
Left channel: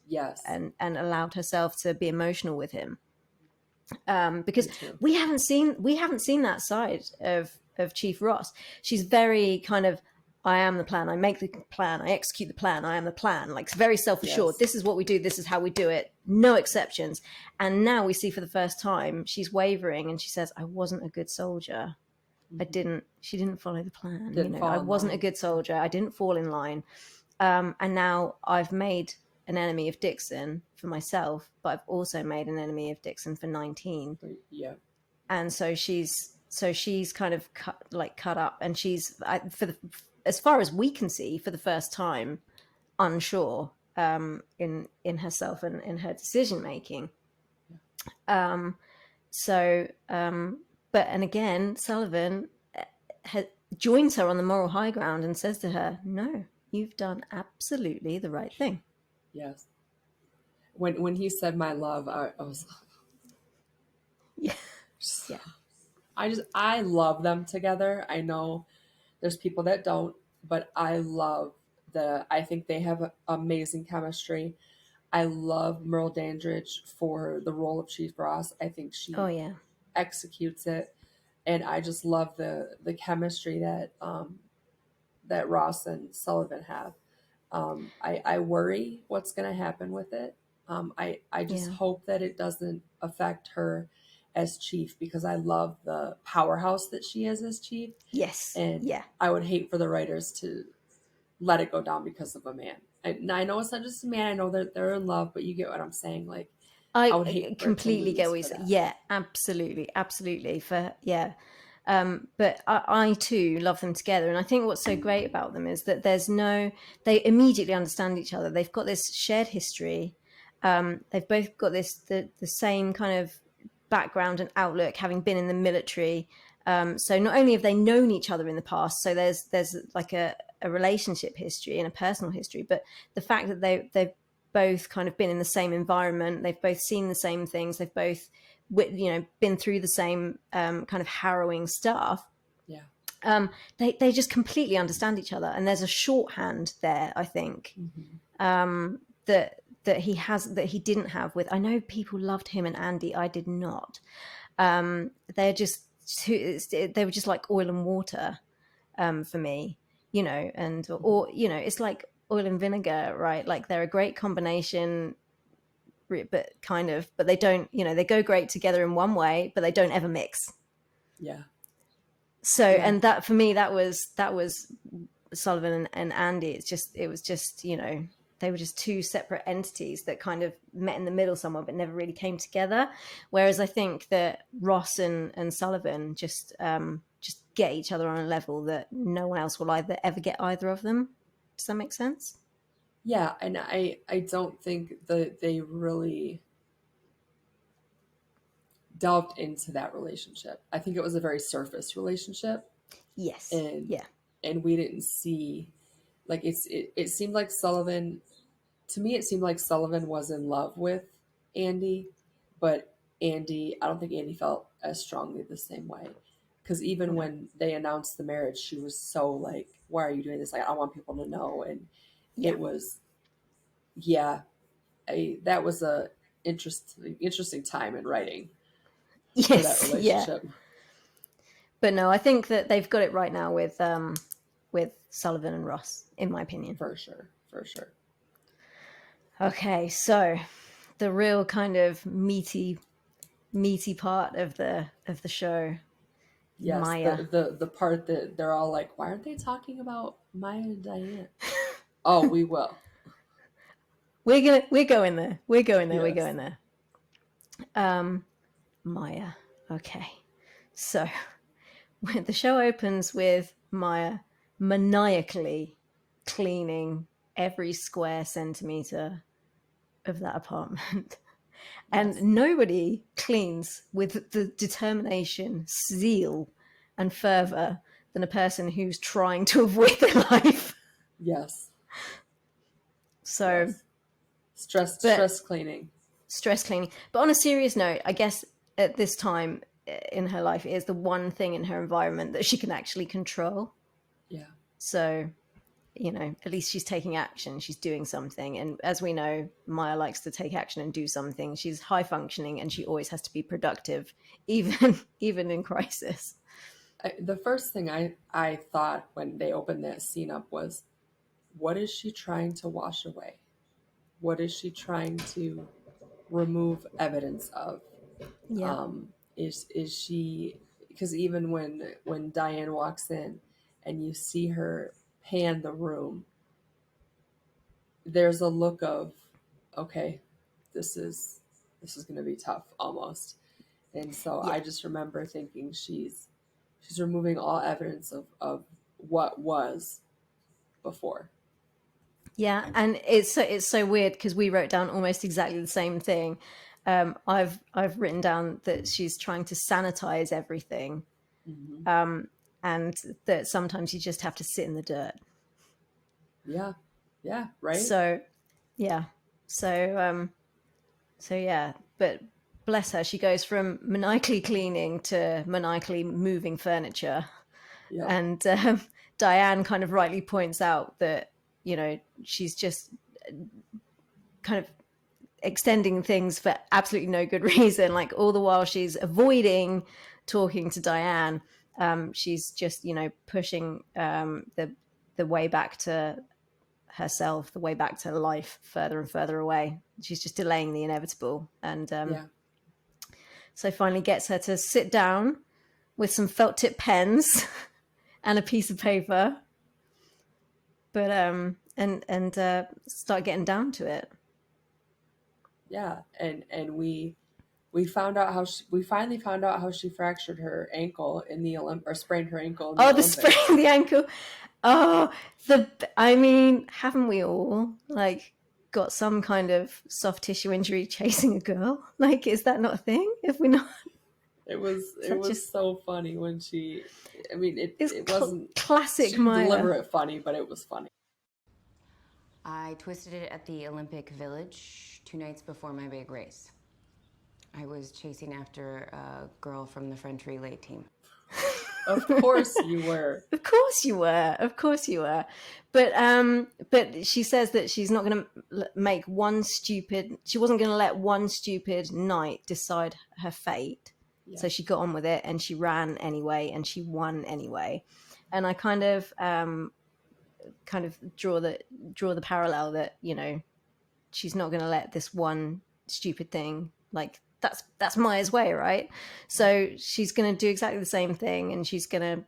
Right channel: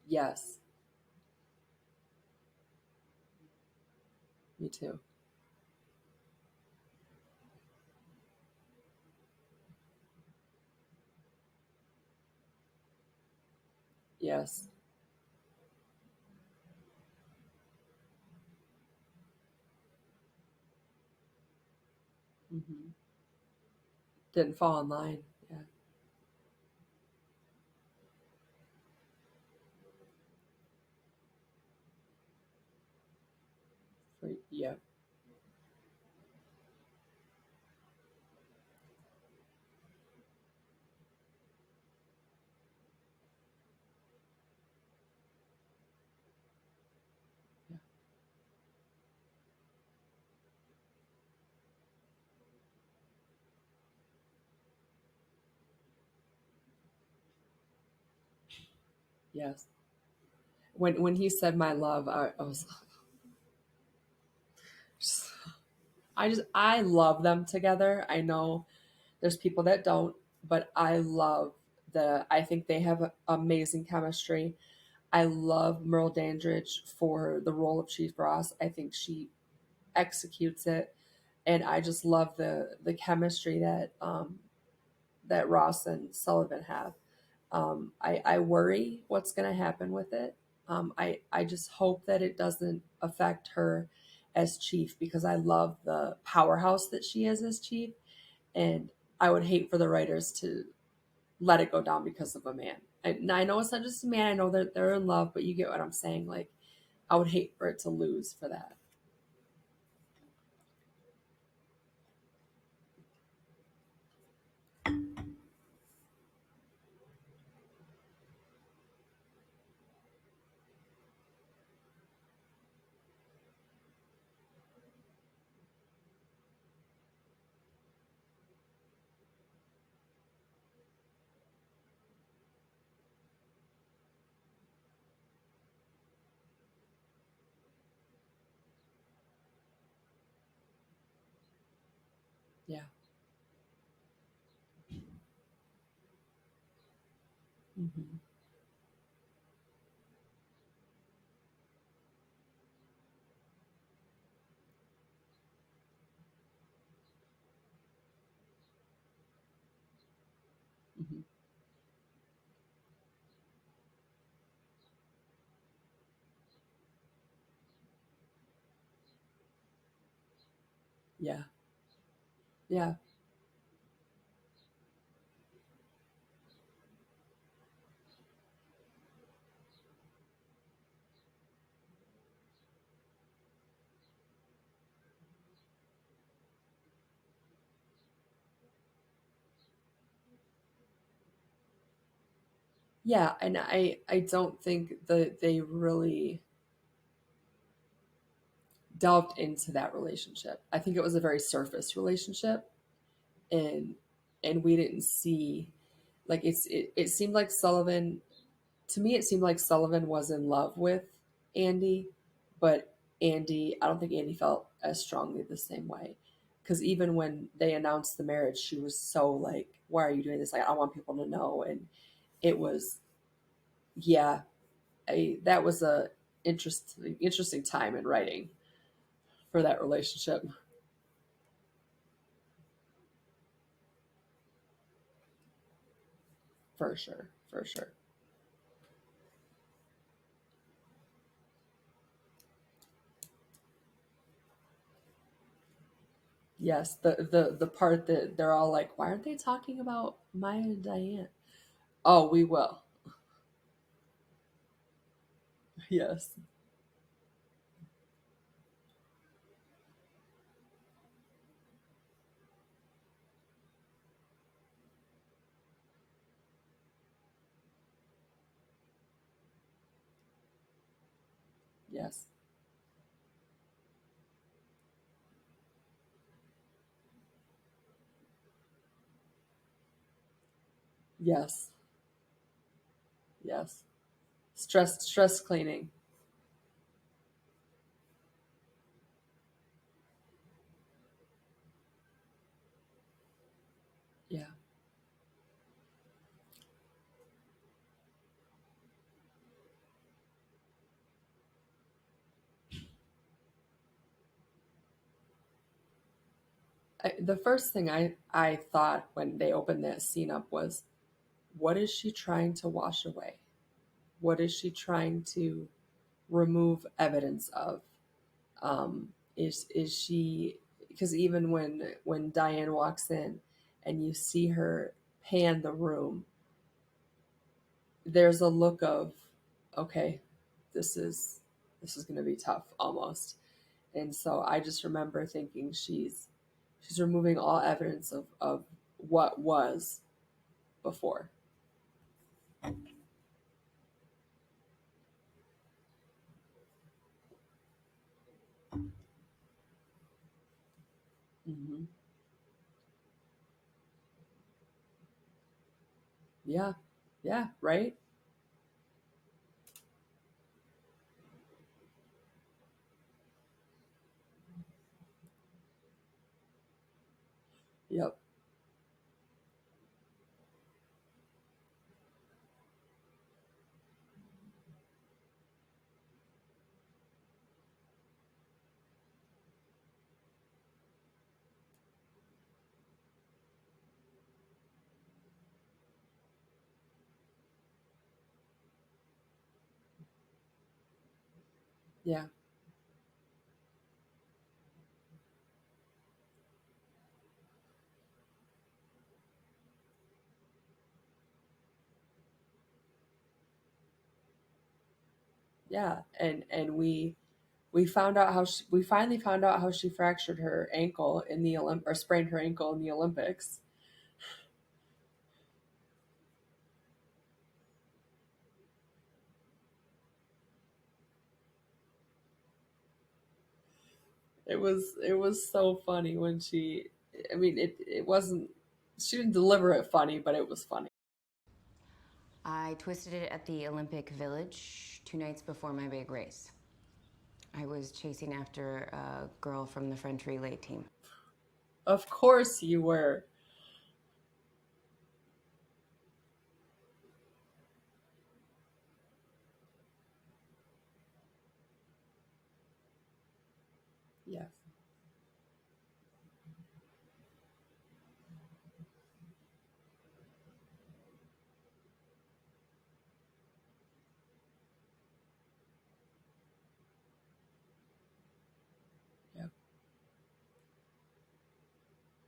Yes, and allowed herself to be emotional with him because me too. we haven't seen that side of Chief Ross. She's very kind of I am the plan. I make the plan. I execute the plan. I am the plan. Like very self-assured. Yes. This is what we do. This is how we do it. No exceptions. And now we see for the first time she's wavering, and she says, "I wasn't a good soldier. I Mm-hmm. didn't. She didn't follow the plan. Didn't I fall in wasn't a line. good soldier. I didn't fall in line. And now I've made an enemy of Dixon for myself, but I've also made an enemy of Dixon for 19." Yeah, And so she's kind of cut up, and she's as far as we can see for the first time unsure in herself and in her decision making. So, but and again, Sullivan joins her on the moral high ground and says to her, "No, you've done absolutely the right thing." Yes. When he said my love, I was Yeah, yeah, I love them together. I know there's people that don't, but I think they have amazing chemistry. I love Merle Dandridge for the role of Chief Ross. I think oh she yeah, executes it, and I just love the chemistry that Ross and Sullivan have. I worry what's going to happen with it. I just yeah, hope that it doesn't affect her as chief, because I love the powerhouse that she is as chief, yes, and yeah. I would hate for the writers to let it go down because of a man. I know it's not just a man. I know that they're in love, but you get what I'm saying. Like, I I would hate for it to completely get lose what you for say. that. Yeah, absolutely, absolutely. For yeah, but I too love them together, and I think what's so great about them is that they immediately understand each other. They've got this shared history. They've both got the same kind of background and outlook, having been in the military. So not only have they known each other in the past, so there's like a relationship history and a personal history, but the fact that they've both kind of been in the same environment, they've both seen the same things, they've both been through the same kind of harrowing stuff. Yeah. They just completely understand each other, and there's a shorthand there, I think, Mm-hmm. that he didn't have with. I know people loved him and Andy. I did not. They're just they were just like oil and water for me, and Mm-hmm. or it's like oil and vinegar, right? Like they're a great combination, but they don't, they go great together in one way, but they don't ever mix. Yeah. So, Yeah. and that for me, that was Sullivan and Andy. It was just, they were just two separate entities that kind of met in the middle somewhere, but never really came together. Whereas I think that Ross and Sullivan just get each other on a level that no one else will either ever get either of them. Does that make sense? Yeah. And I don't think that they really delved into that relationship. I think it was a very surface relationship, Yes. and Yeah. we didn't see, like, it seemed like Sullivan, to me it seemed like Sullivan was in love with Andy, but I don't think Andy felt as strongly the same way, because even No. when they announced the marriage, she was so like, why are you doing this? Like, I want people to know. And Yeah. it was, yeah, that was a interesting time in writing for that Yes. Yeah. relationship. But no, I think that they've got it right now with Sullivan and Ross, in my opinion. For sure, for sure. Okay, so the real kind of meaty part of the show, Yes, Maya. the part that they're all like, why aren't they talking about Maya and Diane? Oh, we will. We're going there. We're going there. We're Yes. going there. Um, Maya. Okay, so when the show opens with Maya maniacally cleaning every square centimeter of that apartment. And Yes. nobody cleans with the determination, zeal, and fervor than a person who's trying to avoid their life. Yes. So, Yes. Stress but cleaning. stress cleaning. But on a serious note, I guess at this time in her life, it is the one thing in her environment that she can actually control. Yeah. So, at least she's taking action. She's doing something. And as we know, Maya likes to take action and do something. She's high functioning and she always has to be productive, even in crisis. The first thing I thought when they opened that scene up was, what is she trying to wash away? What is she trying to remove evidence of? Yeah. Is she, because even when Diane walks in and you see her pan the room, there's a look of, okay, this is going to be tough almost. And so Yeah. I just remember thinking she's removing all evidence of what was before. Yeah, and it's so weird because we wrote down almost exactly the same thing. I've written down that she's trying to sanitize everything, Hmm. and that sometimes you just have to sit in the dirt. Yeah. Yeah. Right. So yeah, so so yeah, but bless her, she goes from maniacally cleaning to maniacally moving furniture, Yep. and Diane kind of rightly points out that she's just kind of extending things for absolutely no good reason. Like all the while she's avoiding talking to Diane, she's just pushing the way back to herself, the way back to life, further and further away. She's just delaying the inevitable, and Yeah. so finally gets her to sit down with some felt tip pens and a piece of paper, but and start getting down to it. Yeah. And we found out we finally found out how she fractured her ankle in the or sprained her ankle in the Oh, the Olympics. sprain the ankle. Oh, I mean, haven't we all like got some kind of soft tissue injury chasing a girl? Like, is that not a thing? If we not, It was just so funny when she. I mean, it's it wasn't. classic She didn't Maya. deliver it funny, but it was funny. I twisted it at the Olympic Village 2 nights before my big race. I was chasing after a girl from the French relay team. Of course you were. Of course you were. Of course you were. But she says that she's not going to make one stupid. She wasn't going to let one stupid night decide her fate. Yeah. So she got on with it and she ran anyway and she won anyway. And I kind of draw the parallel that she's not going to let this one stupid thing, like that's Maya's way, right? So she's going to do exactly the same thing, and she's going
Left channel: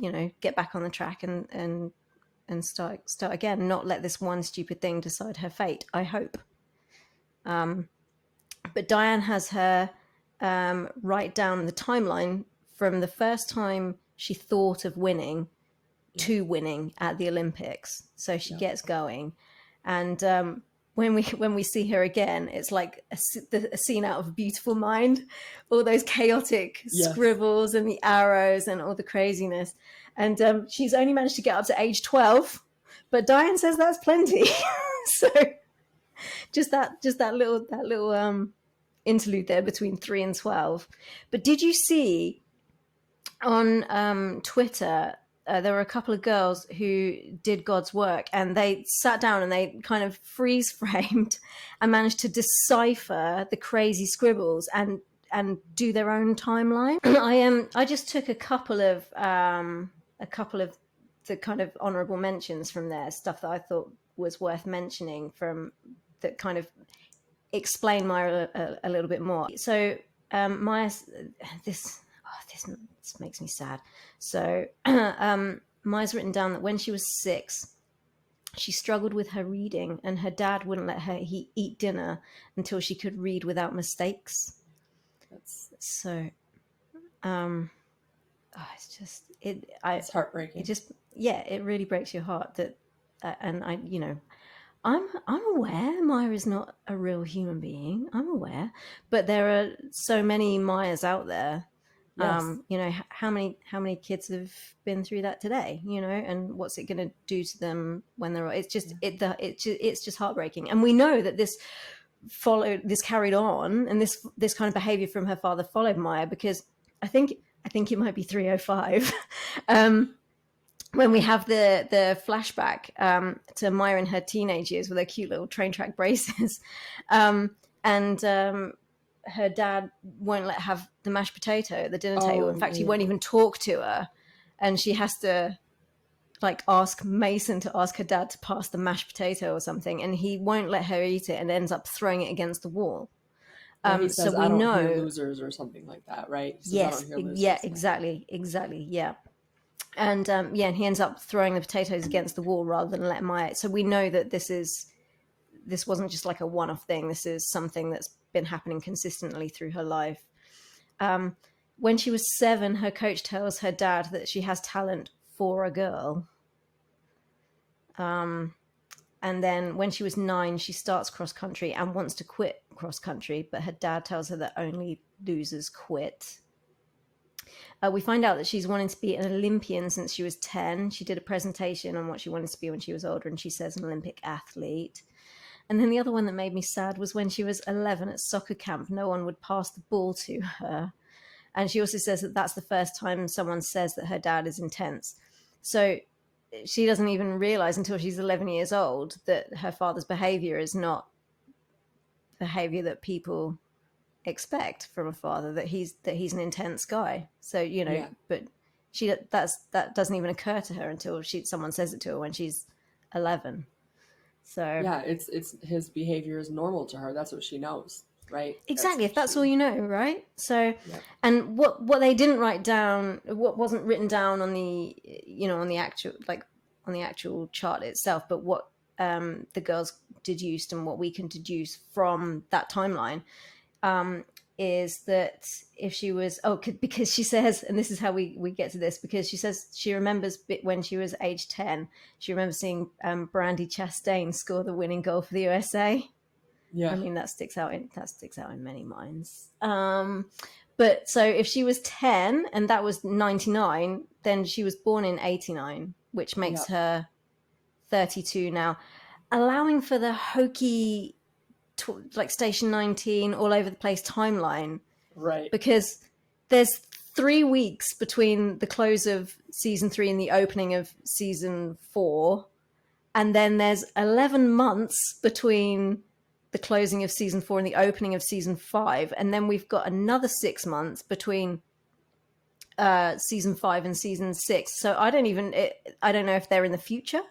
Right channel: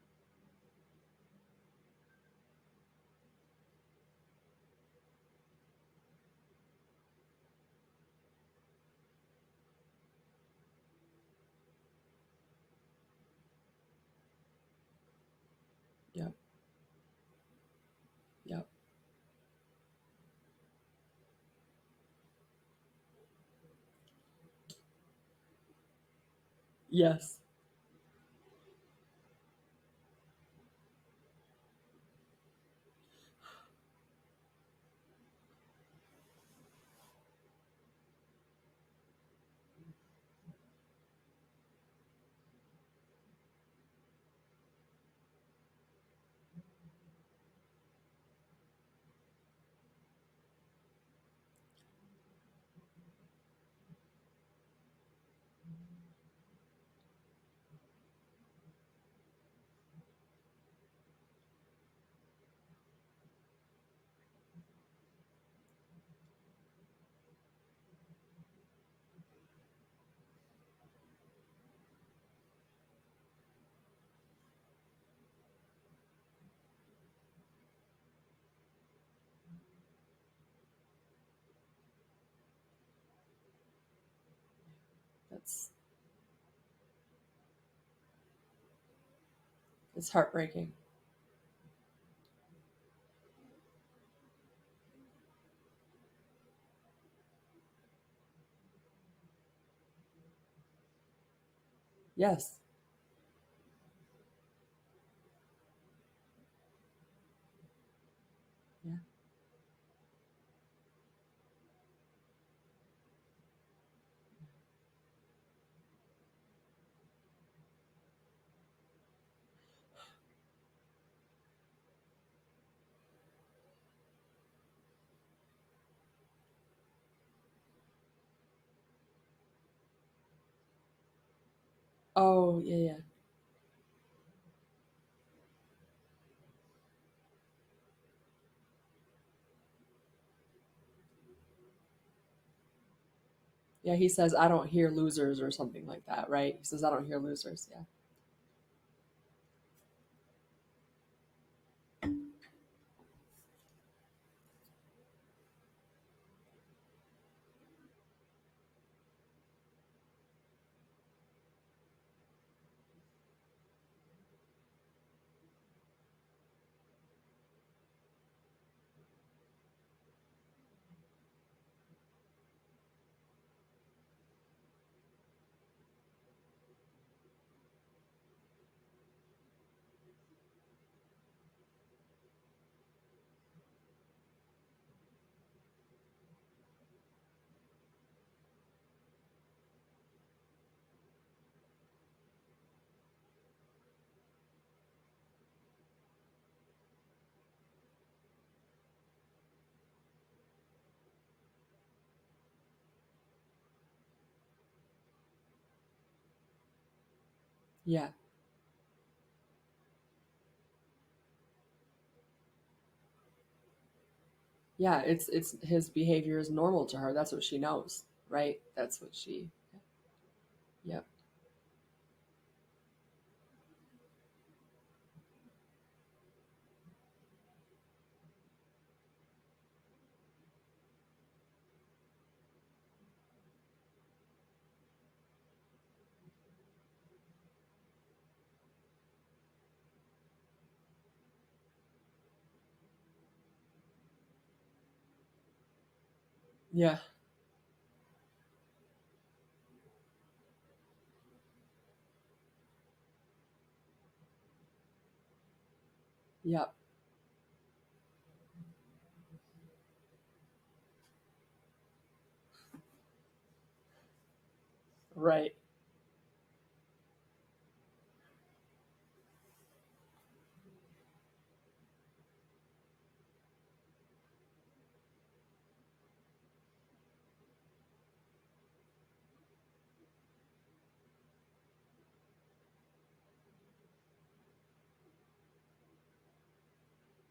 to get back on the track and start again, not let this one stupid thing decide her fate, I hope. But Diane has her write down the timeline from the first time she thought of winning to winning at the Olympics. So she gets going, and when we see her again, it's like a scene out of A Beautiful Mind, all those chaotic scribbles and the arrows and all the craziness. And she's only managed to get up to age 12, but Diane says that's plenty. So just that little interlude there between 3 and 12. But did you see on Twitter, there were a couple of girls who did God's work, and they sat down and they kind of freeze framed and managed to decipher the crazy scribbles and do their own timeline. I just took a couple of the kind of honorable mentions from there, stuff that I thought was worth mentioning, from that kind of explain Maya a little bit more. So Maya, this makes me sad. So Maya's written down that when she was 6, she struggled with her reading, and her dad wouldn't let her eat dinner until she could read without mistakes. That's so. It's just it's heartbreaking. It really breaks your heart that, and I'm aware Maya is not a real human being. I'm aware, but there are so many Mayas out there. Yes. How many kids have been through that today? And what's it going to do to them when they're? It's just it's just heartbreaking. And we know that this carried on, and this kind of behavior from her father followed Maya, because I think it might be 305. When we have the flashback to Maya in her teenage years with her cute little train track braces, and her dad won't let her have the mashed potato at the dinner table. In fact, he won't even talk to her, and she has to ask Mason to ask her dad to pass the mashed potato or something, and he won't let her eat it and ends up throwing it against the wall. He says, "I don't hear losers," or something like that, right? He says, yes, "I don't hear losers." Yeah, exactly, yeah. And and he ends up throwing the potatoes against the wall rather than let Maya. So we know that this wasn't just like a one-off thing. This is something that's been happening consistently through her life. When she was 7, her coach tells her dad that she has talent for a girl. And then when she was 9, she starts cross country and wants to quit cross country, but her dad tells her that only losers quit. We find out that she's wanting to be an Olympian since she was 10. She did a presentation on what she wanted to be when she was older, and she says an Olympic athlete. And then the other one that made me sad was when she was 11 at soccer camp, no one would pass the ball to her. And she also says that that's the first time someone says that her dad is intense. So she doesn't even realize until she's 11 years old that her father's behavior is not behavior that people expect from a father, that he's an intense guy. So, you know, but that doesn't even occur to her until someone says it to her when she's 11. So yeah, it's his behavior is normal to her. That's what she knows, right? Exactly. If that's all you know, right? So, yep. And what they didn't write down, what wasn't written down on the, you know, on the actual chart itself, but what the girls deduced and what we can deduce from that timeline, is that if she was, because she says, and this is how we get to this, because she says she remembers when she was age 10, she remembers seeing Brandy Chastain score the winning goal for the USA. Yeah. I mean, that sticks out in many minds. But so if she was 10 and that was 99, then she was born in 89, which makes her 32 now, allowing for the hokey, like Station 19 all over the place timeline. Right. Because there's 3 weeks between the close of season 3 and the opening of season 4. And then there's 11 months between the closing of season 4 and the opening of season 5. And then we've got another 6 months between season 5 and season 6. So I don't know if they're in the future.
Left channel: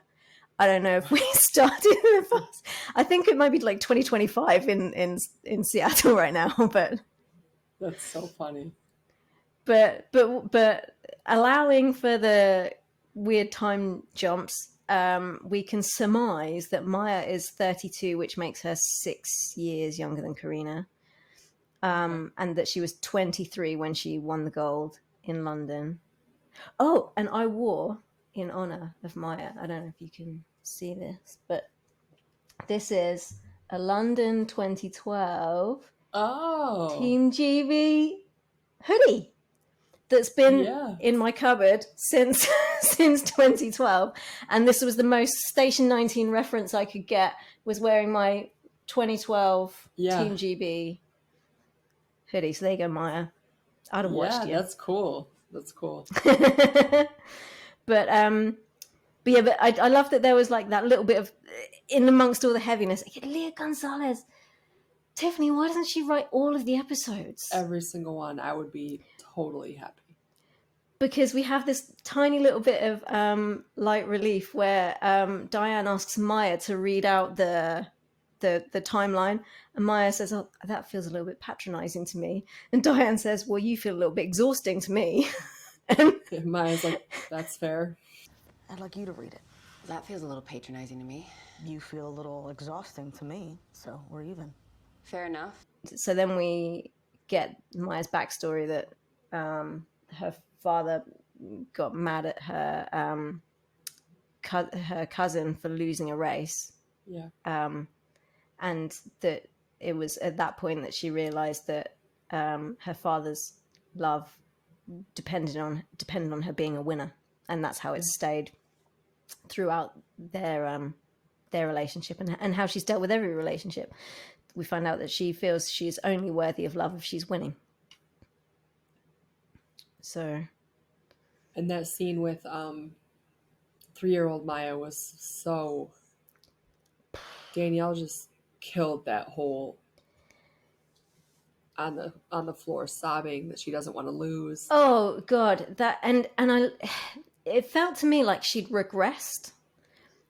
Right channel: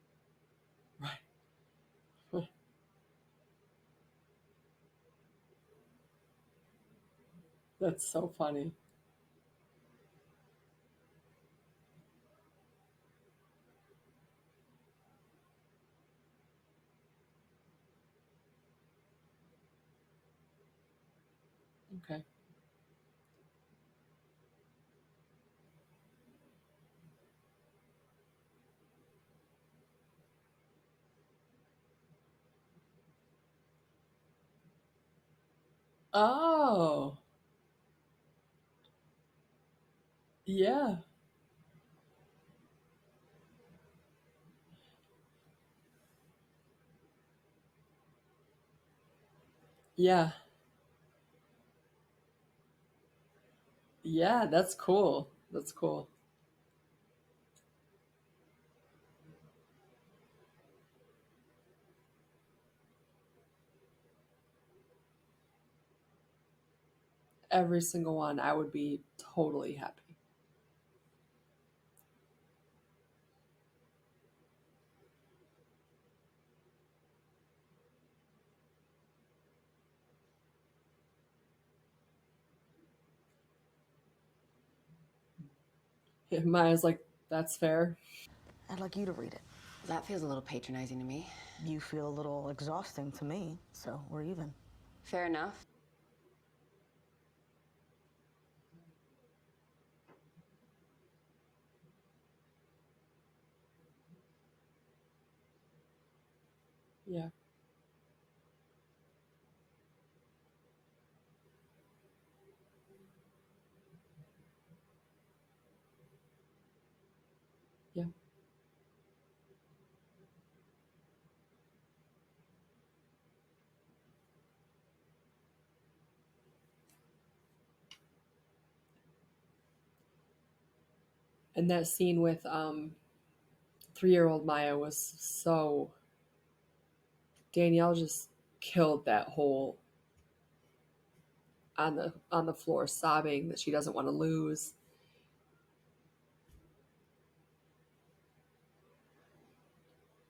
I don't know if we started in the past. I think it might be like 2025 in Seattle right now, but that's so funny. But allowing for the weird time jumps, we can surmise that Maya is 32, which makes her 6 years younger than Karina, and that she was 23 when she won the gold in London. Oh, and I wore, in honor of Maya, I don't know if you can see this, but this is a London 2012 Team GB hoodie that's been in my cupboard since 2012, and this was the most Station 19 reference I could get, was wearing my 2012 Team GB hoodie. So there you go, Maya. I'd have watched you. That's cool. But I love that there was like that little bit of, in amongst all the heaviness, Leah Gonzalez. Tiffany, why doesn't she write all of the episodes? Every single one. I would be totally happy. Because we have this tiny little bit of light relief where Diane asks Maya to read out the timeline, and Maya says, "Oh, that feels a little bit patronizing to me." And Diane says, "Well, you feel a little bit exhausting to me." And Maya's like, "That's fair. I'd like you to read it." That feels a little patronizing to me. You feel a little exhausting to me, so we're even. Fair enough. So then we get Maya's backstory that her father got mad at her her cousin for losing a race. Yeah. And that it was at that point that she realized that her father's love depended on her being a winner, and that's how it stayed throughout their relationship, and how she's dealt with every relationship. We find out that she feels she's only worthy of love if she's winning. So, and that scene with 3-year-old Maya was so, Danielle just killed that whole on the floor sobbing that she doesn't want to lose. Oh God, that and it felt to me like she'd regressed.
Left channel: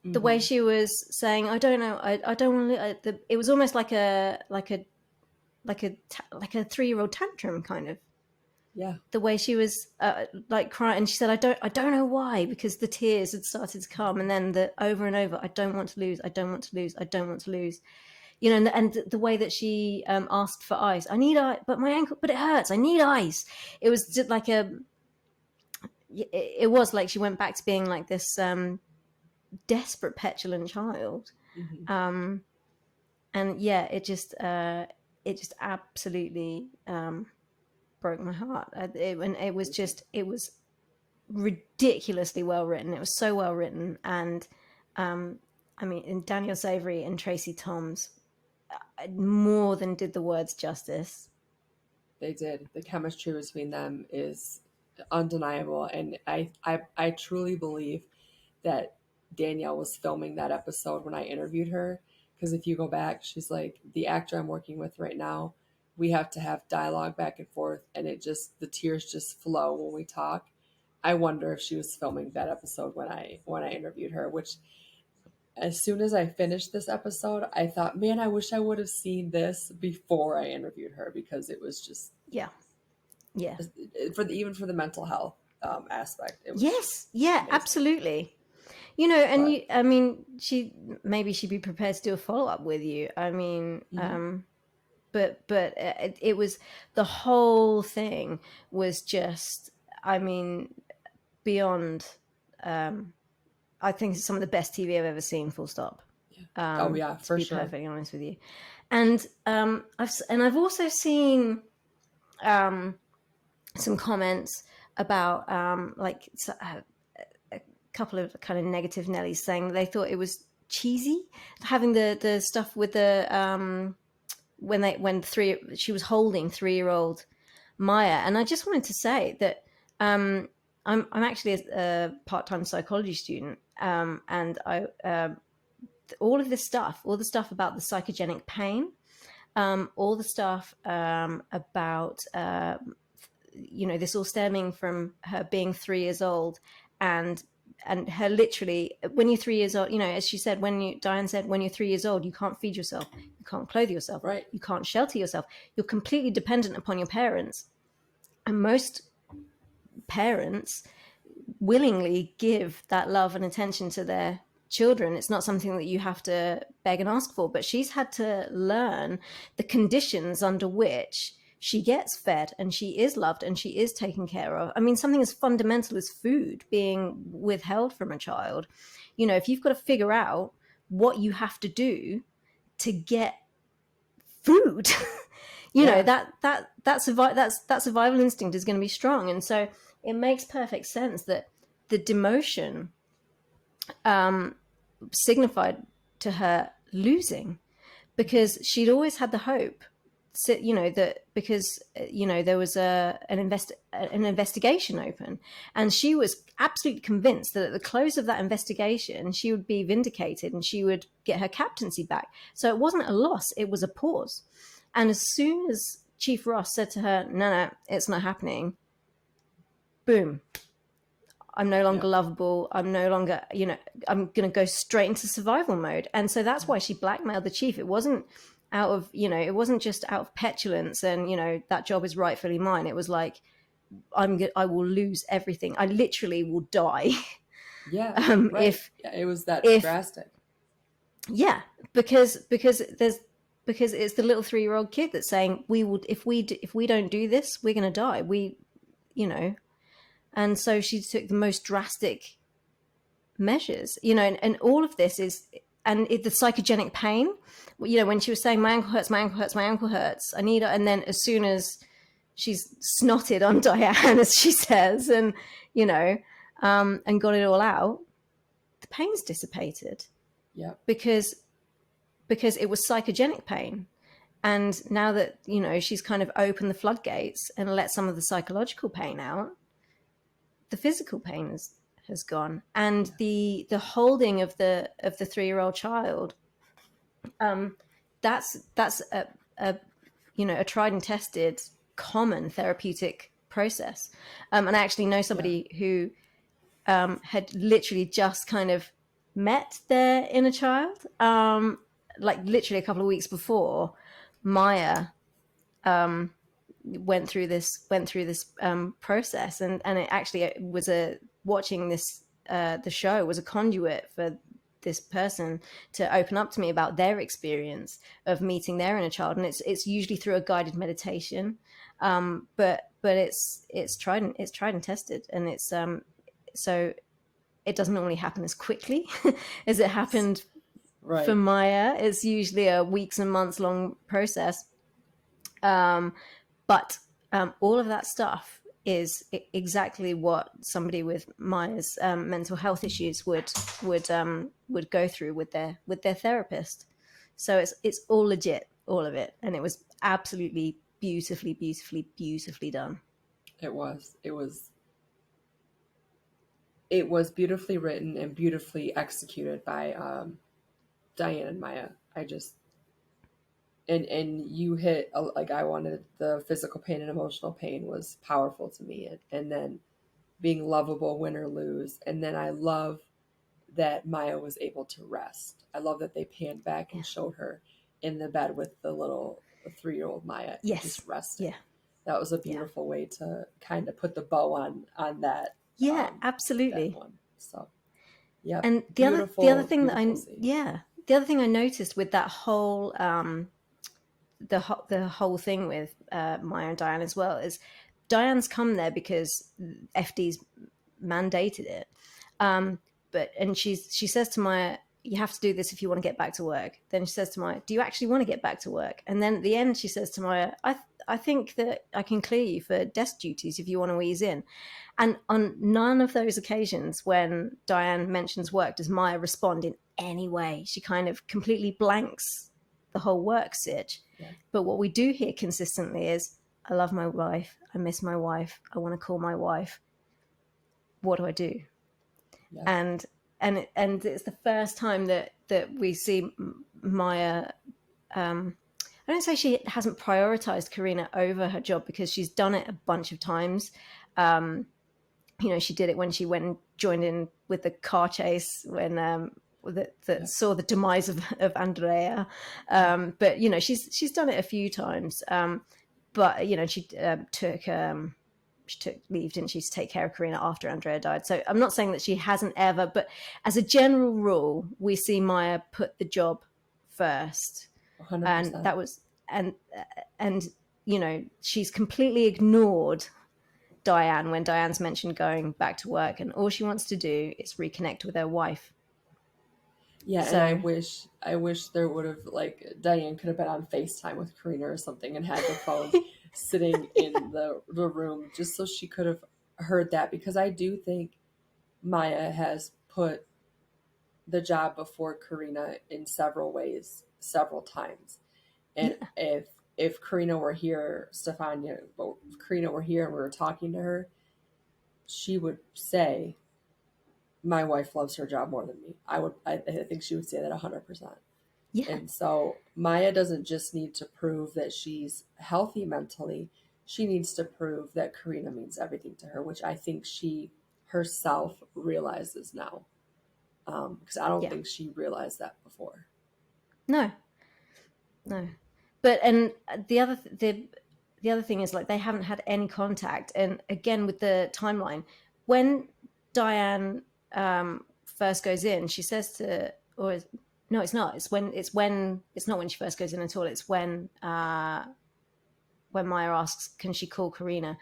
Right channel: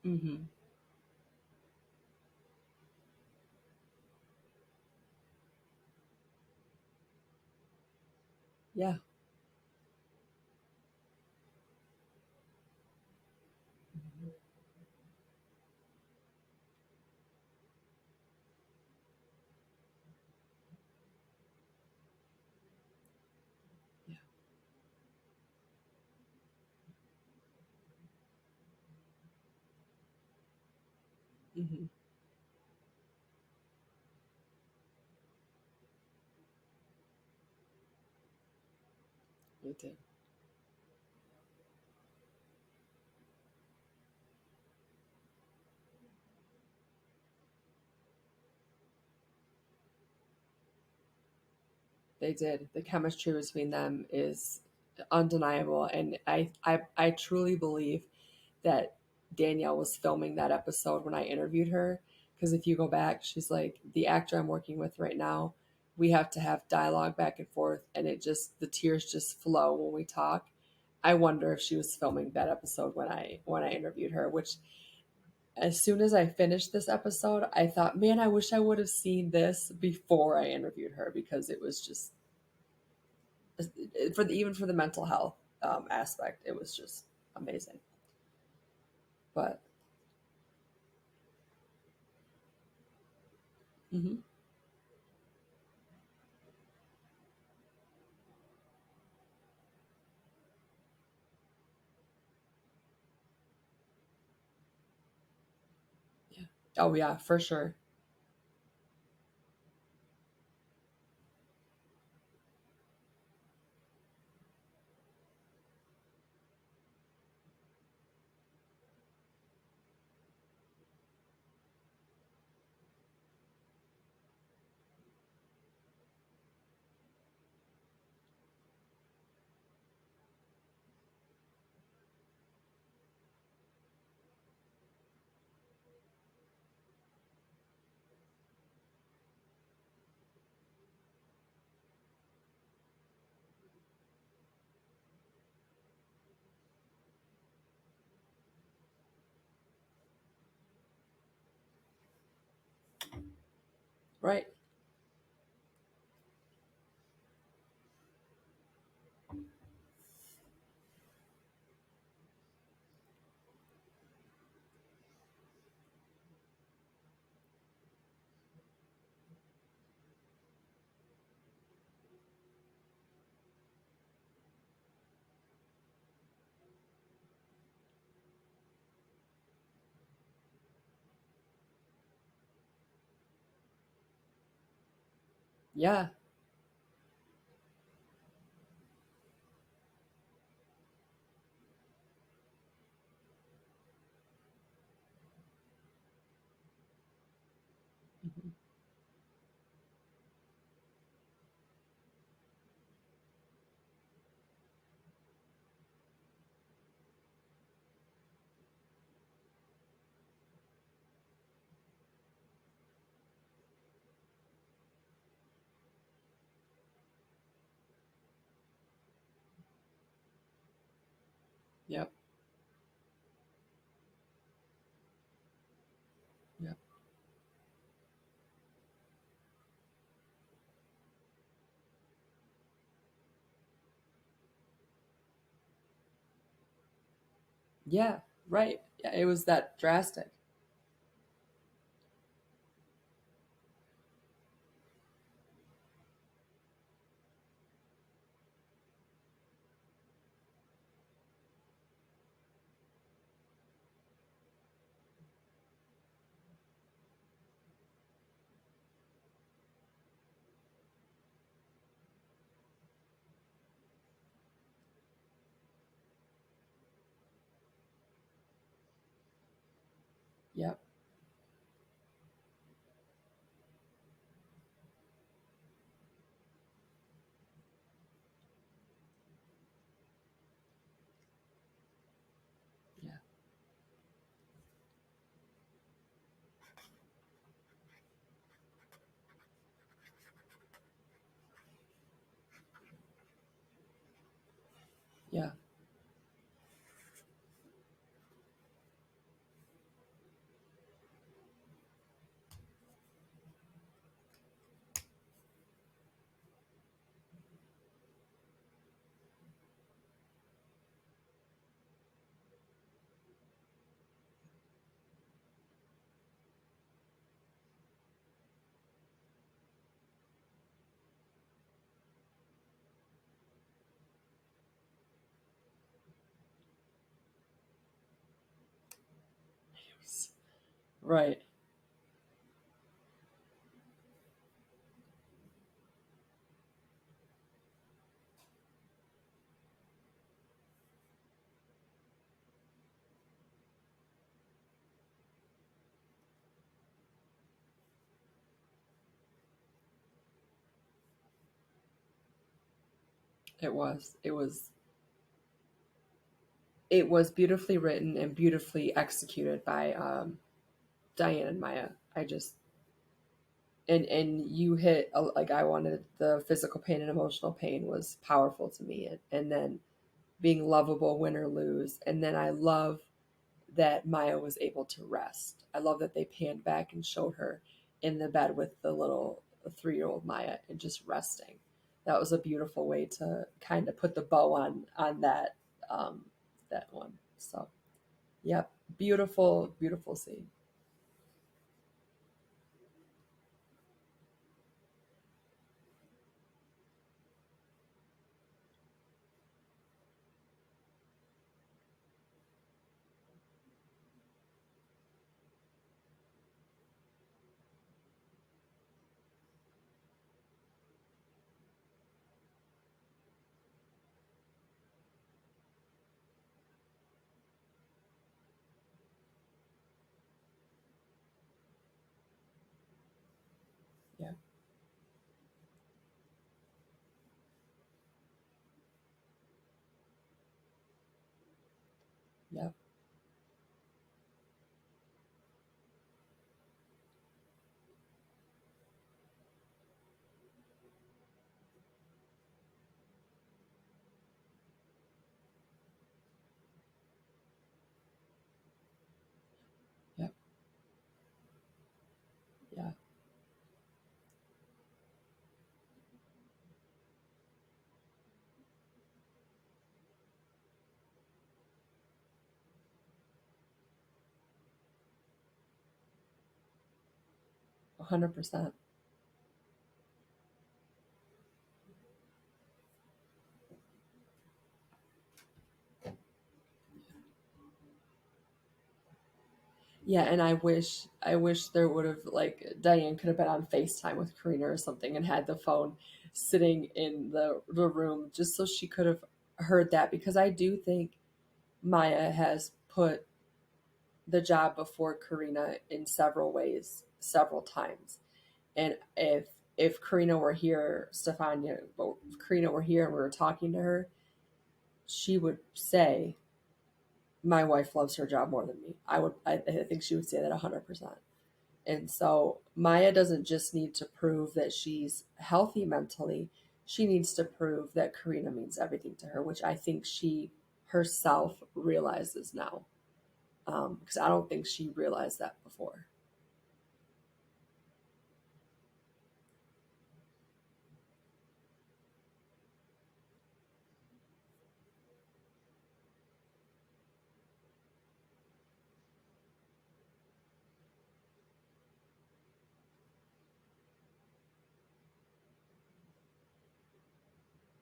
The way she was saying, "I don't know, I don't want to." It was almost like a 3-year-old tantrum, kind of. Yeah. The way she was like crying, and she said, "I don't know why," because the tears had started to come, and then the over and over, "I don't want to lose, I don't want to lose, I don't want to lose." You know, and the way that she asked for ice. "I need ice, but my ankle, but it hurts. I need ice." It was just like it was like she went back to being like this. desperate, petulant child. Mm-hmm. And yeah, it just absolutely broke my heart. And it was just, it was ridiculously well written. It was so well written. And I mean, in Daniel Savory and Tracy Toms more than did the words justice. They did. The chemistry between them is undeniable, and I truly believe that Danielle was filming that episode when I interviewed her. Because if you go back, she's like, the actor I'm working with right now, we have to have dialogue back and forth, and the tears just flow when we talk. I wonder if she was filming that episode when I interviewed her. Which, as soon as I finished this episode, I thought, man, I wish I would have seen this before I interviewed her, because it was just Yeah. even for the mental health aspect, it was just amazing. Absolutely. You know, and But I mean, she'd be prepared to do a follow-up with you. I mean, but it was, the whole thing was just, I mean, beyond, I think it's some of the best TV I've ever seen, full stop. oh yeah, for to be sure. perfectly honest with you. And I've also seen some comments about a couple of kind of negative Nellies saying they thought it was cheesy having the stuff with the when she was holding 3-year-old Maya. And I just wanted to say that I'm actually a part-time psychology student, and I all of this stuff, all the stuff about the psychogenic pain, all the stuff about this all stemming from her being 3 years old, and her literally, when you're 3 years old, as she said, Diane said, when you're 3 years old, you can't feed yourself, you can't clothe yourself, Right. you can't shelter yourself, you're completely dependent upon your parents. And most parents willingly give that love and attention to their children. It's not something that you have to beg and ask for, but she's had to learn the conditions under which she gets fed and she is loved and she is taken care of. I mean, something as fundamental as food being withheld from a child, if you've got to figure out what you have to do to get food, that survival instinct is going to be strong. And so it makes perfect sense that the demotion signified to her losing, because she'd always had the hope, that because there was an investigation open, and she was absolutely convinced that at the close of that investigation she would be vindicated and she would get her captaincy back. So it wasn't a loss, it was a pause. And as soon as Chief Ross said to her, no, it's not happening, boom, I'm no longer lovable. I'm no longer, I'm going to go straight into survival mode. And so that's why she blackmailed the chief. It wasn't out of, it wasn't just out of petulance and, that job is rightfully mine. It was like, I will lose everything. I literally will die. Yeah. Right. It was that drastic. Yeah. Because it's the little 3-year-old kid that's saying, if we don't do this, we're going to die. And so she took the most drastic measures, and all of this is, and the psychogenic pain, when she was saying, my ankle hurts, my ankle hurts, my ankle hurts, I need, and then as soon as she's snotted on Diane, as she says, and, and got it all out, the pain's dissipated. Yeah. Because it was psychogenic pain. And now that, she's kind of opened the floodgates and let some of the psychological pain out, the physical pain has gone. And the holding of the 3-year-old child, that's a tried and tested common therapeutic process. And I actually know somebody who had literally just kind of met their inner child, like literally a couple of weeks before Maya went through this process, and it actually was watching this the show was a conduit for this person to open up to me about their experience of meeting their inner child. And it's usually through a guided meditation, but it's tried and tested, and it's so it doesn't normally happen as quickly as it happened Right. for Maya. It's usually a weeks and months long process. But all of that stuff is exactly what somebody with Maya's mental health issues would go through with their therapist. So it's all legit, all of it, and it was absolutely beautifully done. It was. It was beautifully written and beautifully executed by Diane and Maya. I just and you hit like I wanted the physical pain and emotional pain was powerful to me, and then being lovable, win or lose, and then I love that Maya was able to rest. I love that they panned back and showed her in the bed with the little 3-year-old Maya and Yes. just resting. Yeah. That was a beautiful way to kind of put the bow on that. Yeah, absolutely. That one. So, yeah. And the other thing that the other thing I noticed with that whole the whole thing with Maya and Diane as well is Diane's come there because FD's mandated it. And she says to Maya, you have to do this if you want to get back to work. Then she says to Maya, do you actually want to get back to work? And then at the end she says to Maya, I think that I can clear you for desk duties if you want to ease in. And on none of those occasions when Diane mentions work does Maya respond in any way. She kind of completely blanks the whole work sitch. Yeah. But what we do hear consistently is, I love my wife, I miss my wife, I want to call my wife. What do I do? Yeah. And it's the first time that we see Maya. I don't say she hasn't prioritized Karina over her job, because she's done it a bunch of times. She did it when she went and joined in with the car chase when that saw the demise of Andrea. But she's done it a few times. But she took leave, didn't she, to take care of Karina after Andrea died. So I'm not saying that she hasn't ever, but as a general rule, we see Maya put the job first. 100%. And that was and she's completely ignored Diane when Diane's mentioned going back to work, and all she wants to do is reconnect with her wife. Yeah, and I wish there would have, like, Diane could have been on FaceTime with Karina or something and had the phone sitting in the room just so she could have heard that, because I do think Maya has put the job before Karina in several ways, several times. And if Karina were here, Stefania, but if Karina were here and we were talking to her, she would say, my wife loves her job more than me. I think she would say that 100%. Yeah. And so Maya doesn't just need to prove that she's healthy mentally. She needs to prove that Karina means everything to her, which I think she herself realizes now. Because I don't think she realized that before. No. But and the other thing is, like, they haven't had any contact. And again, with the timeline, when Diane first goes in, she says to, or no, it's not. It's not when she first goes in at all. It's when Maya asks, can she call Karina?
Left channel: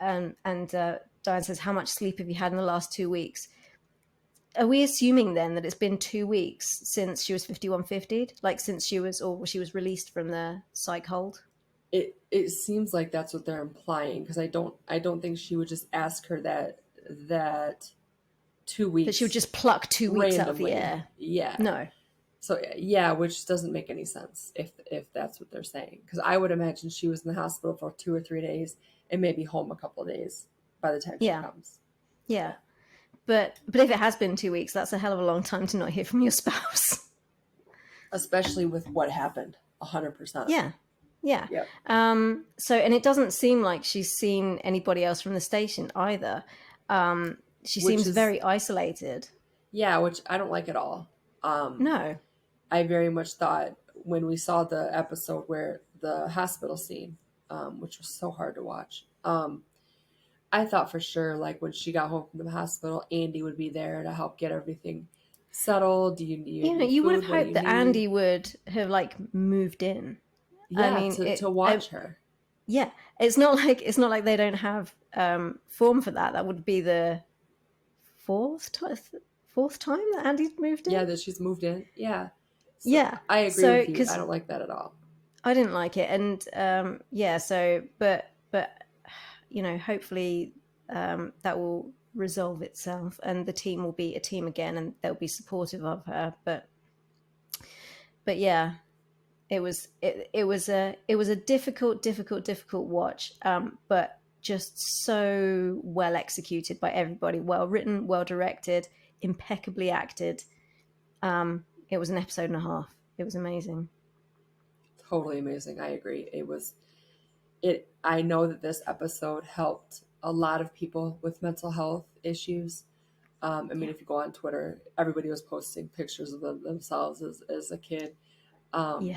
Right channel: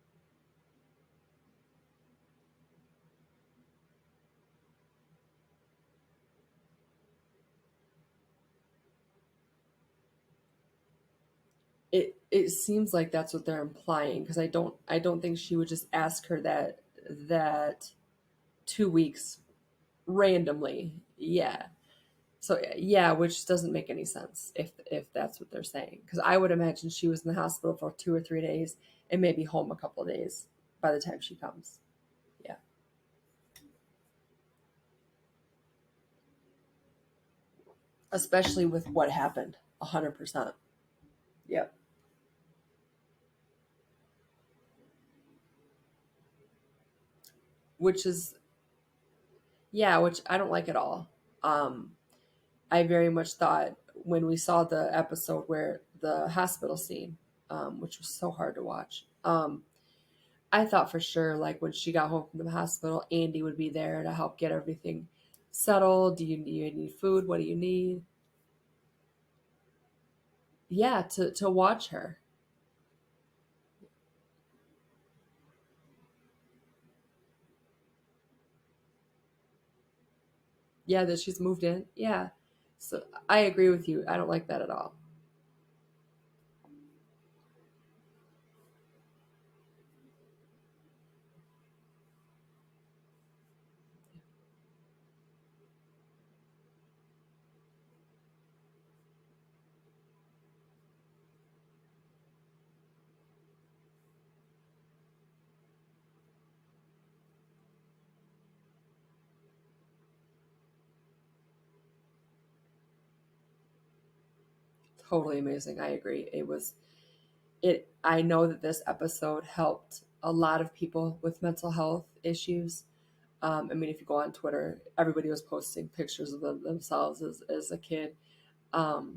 And Diane says, how much sleep have you had in the last 2 weeks? Are we assuming then that it's been 2 weeks since she was 5150'd? Like, since she was released from the psych hold? It seems like that's what they're implying, because I don't think she would just ask her that 2 weeks. That she would just pluck 2 weeks randomly. out of the air. Yeah. No. So yeah, which doesn't make any sense if that's what they're saying. Because I would imagine she was in the hospital for 2 or 3 days and maybe home a couple of days by the time she comes. Yeah. But if it has been 2 weeks, that's a hell of a long time to not hear from your spouse. Especially with what happened, 100%. Yeah. Yep. So, and it doesn't seem like she's seen anybody else from the station either. She seems very isolated. Yeah, which I don't like at all. No. I very much thought when we saw the episode where the hospital scene, which was so hard to watch, I thought for sure, like, when she got home from the hospital, Andy would be there to help get everything settled. Do you need any you food? would have hoped that Andy would have, like, moved in. Yeah, I mean, to watch her. Yeah, it's not like they don't have form for that. That would be the fourth time that Andy moved in. Yeah, that she's moved in. Yeah. So Yeah. I agree So, with you. I because don't like that at all. I didn't like it, and yeah. So, but you know, hopefully that will resolve itself, and the team will be a team again, and they'll be supportive of her. But yeah, it was a difficult watch, but just so well executed by everybody, well written, well directed, impeccably acted. It was an episode and a half. It was amazing. Totally amazing. I agree. I know that this episode helped a lot of people with mental health issues. I mean, if you go on Twitter, everybody was posting pictures of themselves as a kid. Yeah.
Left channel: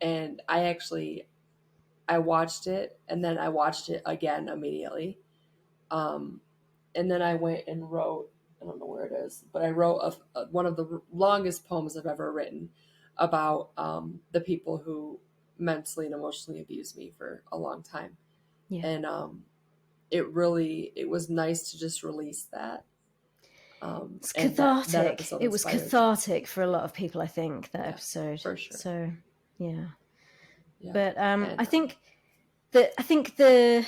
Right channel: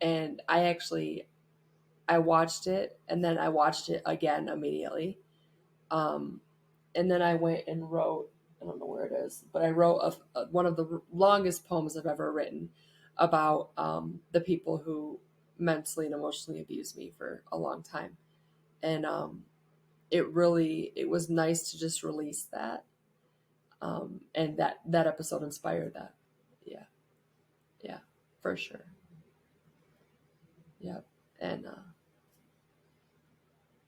And I watched it, and then I watched it again immediately. And then I went and wrote, I don't know where it is, but I wrote one of the longest poems I've ever written about the people who mentally and emotionally abused me for a long time. Yeah. And it was nice to just release that. It's And cathartic. that episode It was inspired. cathartic for a lot of people, I think, that Yeah, episode. for sure. So, yeah. Yeah. But And, I think the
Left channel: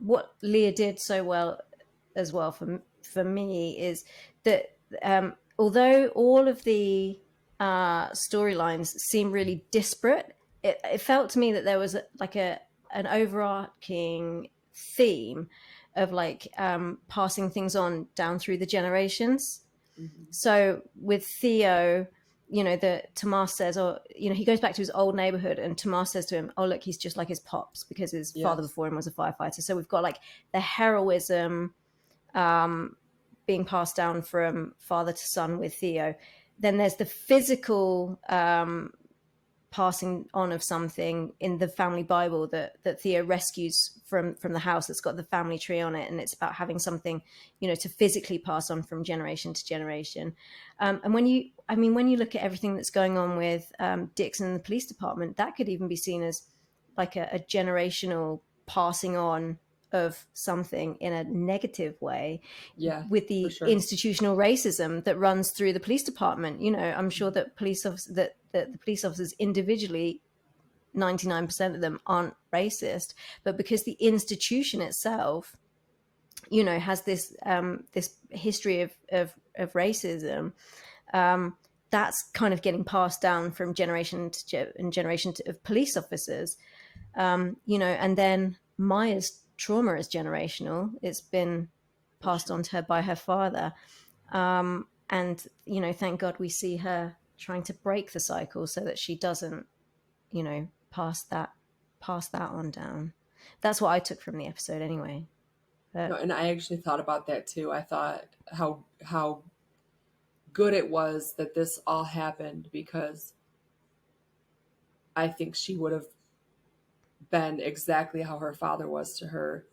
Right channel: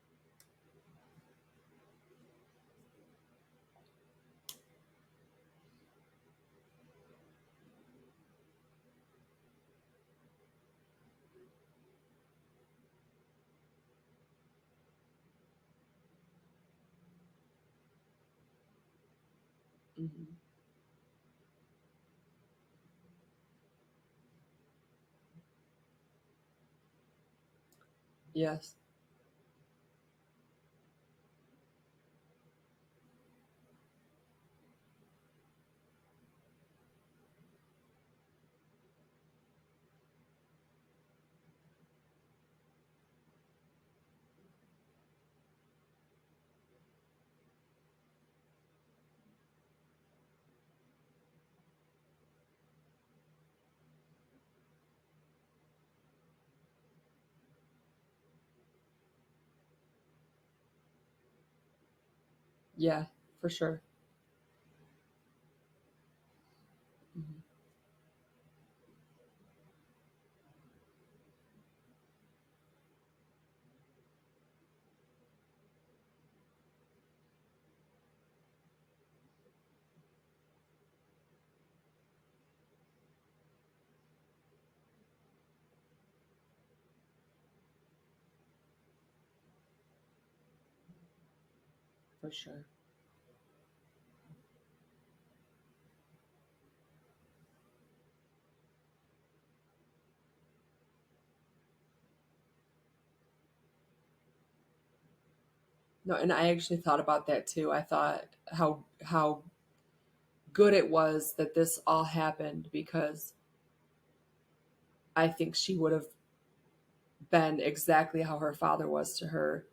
what Leah did so well as well for me is that although all of the storylines seem really disparate, it felt to me that there was an overarching theme of like passing things on down through the generations. mm-hmm. So with Theo, you know, Tomas says, or you know, he goes back to his old neighborhood, and Tomas says to him, "Oh, look, he's just like his pops because his father Yes. before him was a firefighter." So we've got like the heroism being passed down from father to son with Theo. Then there's the physical passing on of something in the family Bible that Theo rescues from the house that's got the family tree on it, and it's about having something, you know, to physically pass on from generation to generation. And when you look at everything that's going on with Dixon and the police department, that could even be seen as like a generational passing on of something in a negative way, Yeah, with for the sure. institutional racism that runs through the police department. You know, I'm sure that that the police officers individually, 99% of them aren't racist, but because the institution itself, you know, has this this history of racism, that's kind of getting passed down from generation of police officers. You know, and then Maya's trauma is generational. It's been passed on to her by her father. And, you know, thank God we see her trying to break the cycle so that she doesn't, you know, pass that on down. That's what I took from the episode anyway. No, and I actually thought about that too. I thought how good it was that this all happened, because I think she would have been exactly how her father was to her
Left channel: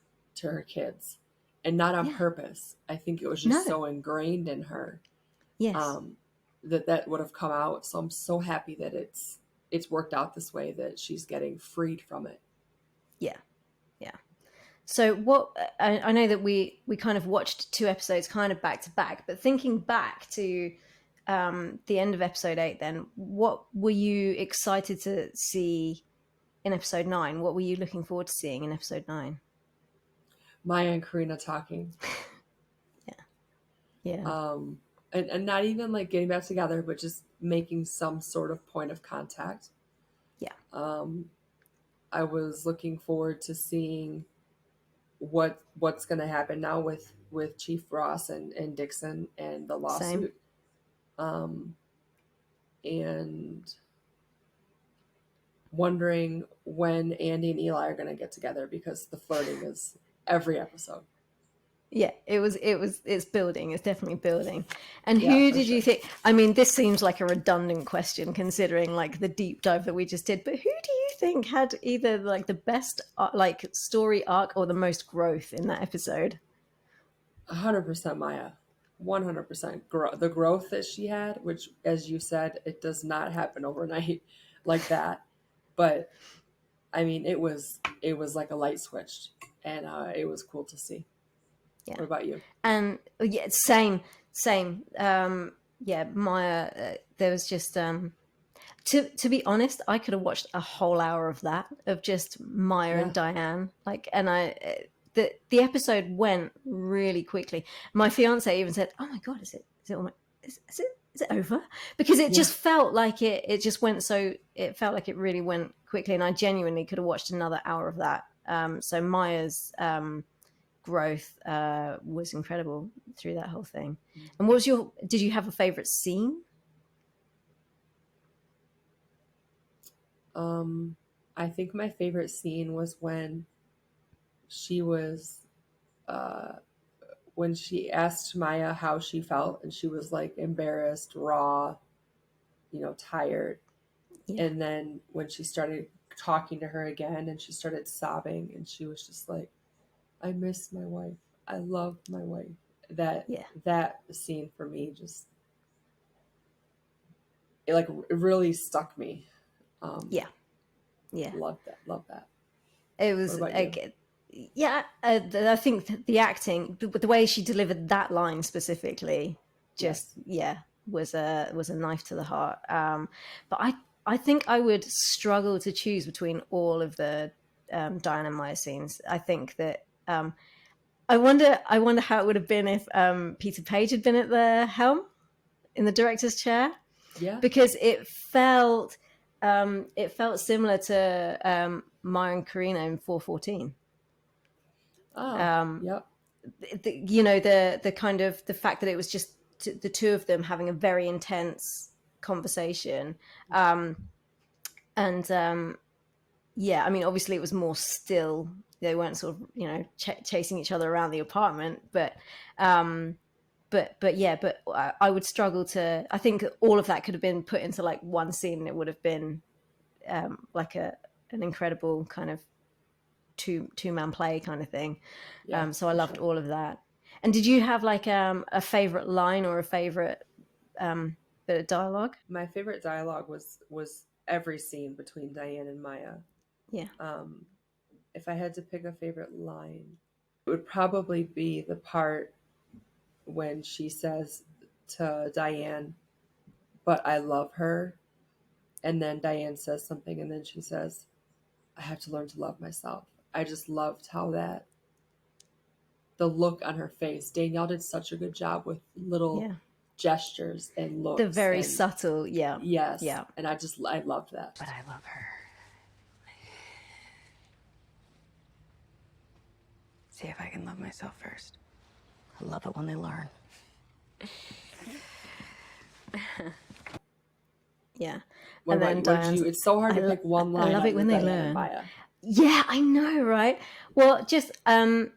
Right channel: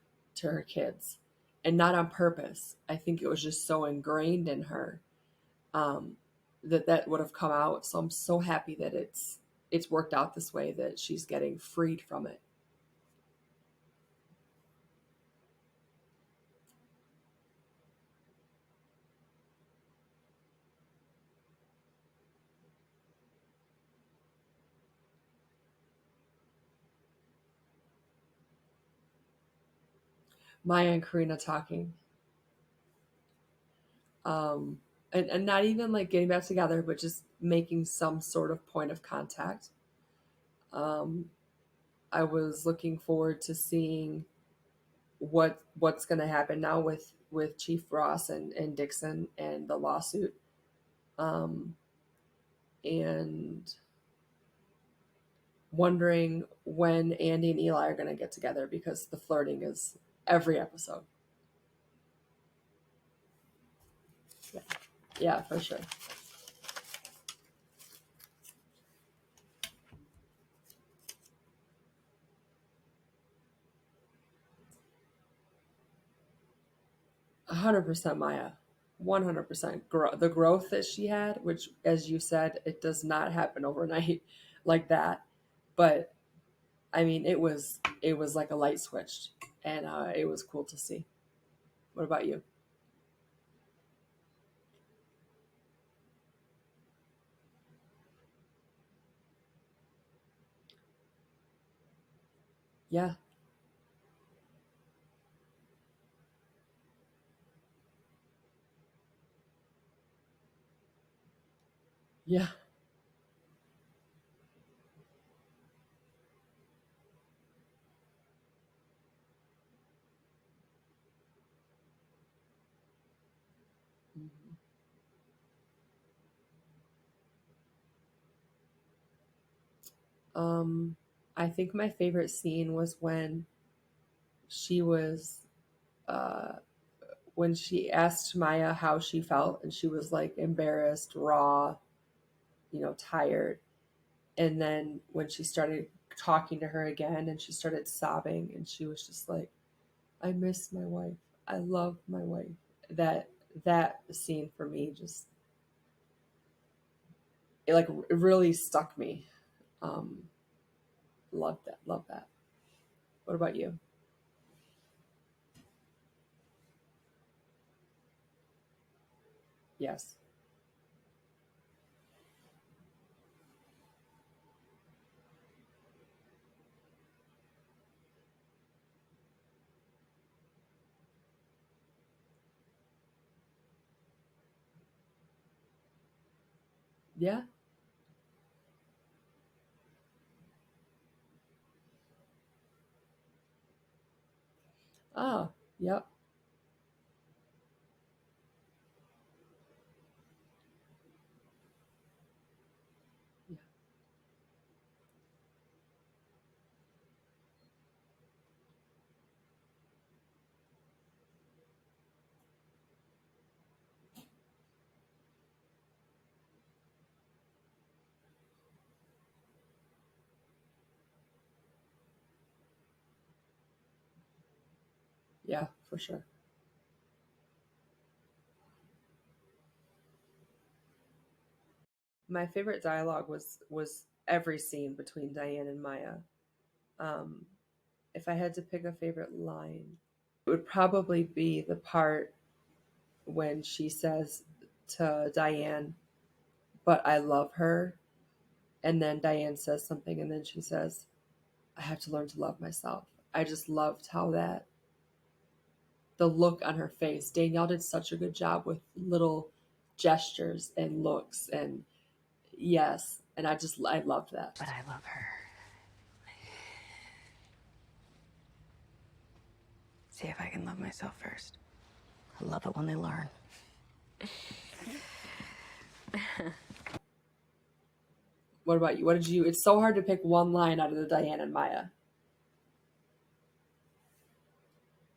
kids, and not on purpose. I think it was just so ingrained in her, Yes. that would have come out. So I'm so happy that it's worked out this way, that she's getting freed from it. Yeah. So what I know that we kind of watched 2 episodes kind of back to back, but thinking back to the end of episode 8, then what were you excited to see in episode 9? What were you looking forward to seeing in episode 9? Maya and Karina talking. Yeah. And not even like getting back together, but just making some sort of point of contact. Yeah. I was looking forward to seeing what's going to happen now with Chief Ross and Dixon and the lawsuit. And wondering when Andy and Eli are going to get together, because the flirting is every episode. Yeah, it's building. It's definitely building. And Yeah, who for did you sure. think? I mean, this seems like a redundant question considering like the deep dive that we just did. But who do you think had either like the best like story arc or the most growth in that episode? 100% Maya. 100% the growth that she had, which, as you said, it does not happen overnight like that. But I mean, it was like a light switched, and it was cool to see. Yeah. What about you? And yeah, same. Yeah, Maya. There was just to be honest, I could have watched a whole hour of that of just Maya Yeah. and Diane. Like, and the episode went really quickly. My fiance even said, "Oh my god, is it almost, is it over?" Because it Yeah. just felt like it just went so. It felt like it really went quickly, and I genuinely could have watched another hour of that. So Maya's growth was incredible through that whole thing. And did you have a favorite scene? I think my favorite scene was she was when she asked Maya how she felt, and she was like embarrassed, raw, tired. Yeah. And then when she started talking to her again and she started sobbing, and she was just like, I miss my wife. I love my wife. That scene for me just it really stuck me. Yeah. Love that. It was What about you? I think the acting, the way she delivered that line specifically, just Yes. was a knife to the heart. But I think I would struggle to choose between all of the Diana Maya scenes. I think that I wonder how it would have been if Peter Page had been at the helm in the director's chair, Yeah. because it felt similar to Maya and Karina in 414. Yep. The kind of the fact that it was just the two of them having a very intense conversation, and yeah, I mean, obviously it was more still. They weren't sort of chasing each other around the apartment, but I would struggle to. I think all of that could have been put into like one scene, and it would have been like an incredible kind of two-man play kind of thing. Yeah. So I for loved sure. all of that. And did you have like a favorite line or a favorite bit of dialogue? My favorite dialogue was every scene between Diane and Maya. Yeah. If I had to pick a favorite line, it would probably be the part when she says to Diane, "But I love her," and then Diane says something, and then she says, "I have to learn to love myself." I just loved how the look on her face. Danielle did such a good job with little Yeah. gestures and looks. The very and subtle, yeah. Yes. Yeah. And I loved that. But I love her. See if I can love myself first. I love it when they learn. Yeah. What And about then you? What did you? It's so hard to pick one I line love on it the when they Diane learn. and Maya. Yeah, I know, right? Well, just I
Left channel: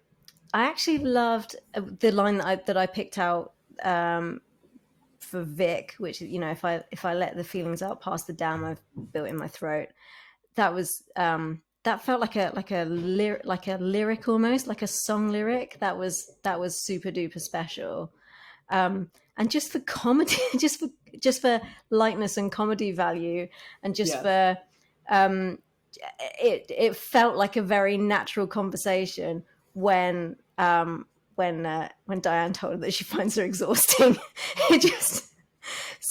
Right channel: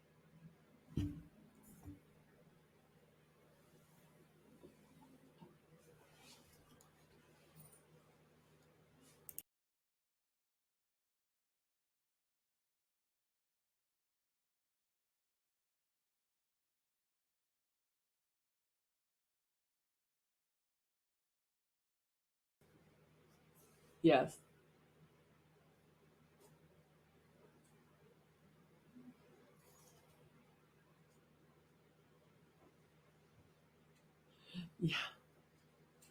actually loved the line that I picked out for Vic, which is, if I let the feelings out past the dam I've built in my throat. That was that felt like a lyric, almost like a song lyric. That was super duper special. And just for comedy, just for lightness and comedy value, and just Yes. for it felt like a very natural conversation when Diane told her that she finds her exhausting. It just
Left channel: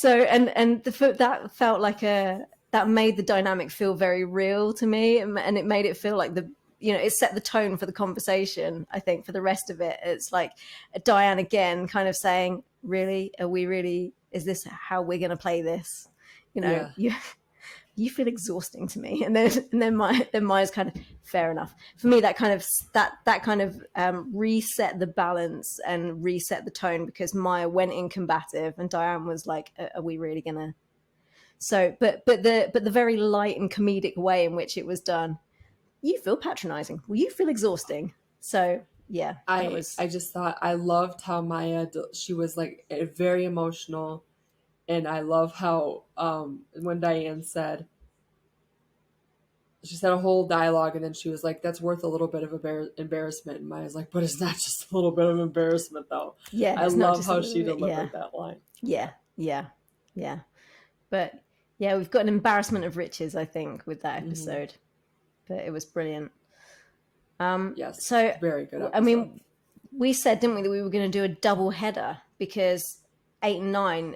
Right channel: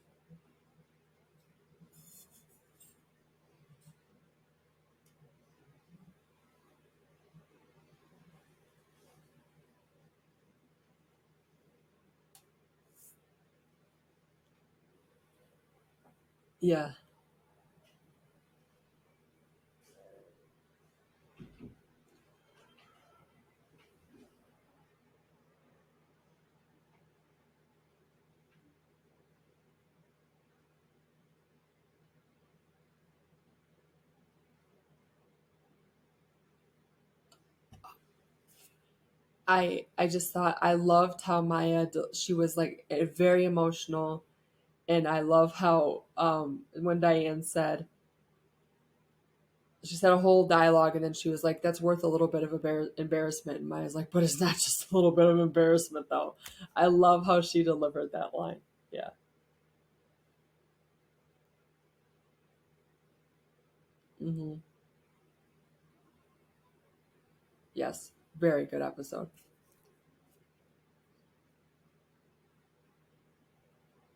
that felt like that made the dynamic feel very real to me, and it made it feel like it set the tone for the conversation. I think for the rest of it, it's like Diane again kind of saying, really, are we really, is this how we're going to play this? Yeah. You feel exhausting to me. And then Maya's kind of, fair enough. For me, that kind of reset the balance and reset the tone, because Maya went in combative and Diane was like, are we really gonna? So, but the very light and comedic way in which it was done, you feel patronizing. Well, you feel exhausting. So yeah, I just thought I loved how Maya, she was like very emotional, and I love how when Diane said, she said a whole dialogue, and then she was like, "That's worth a little bit of embarrassment." And Maya's like, "But it's not just a little bit of embarrassment, though." yeah, I it's not love just how a she little bit. delivered that line. Yeah. But yeah, we've got an embarrassment of riches, I think, with that episode. But it was brilliant. Yes. So very good episode. I mean, we said, didn't we, that we were going to do a double header because 8 and 9,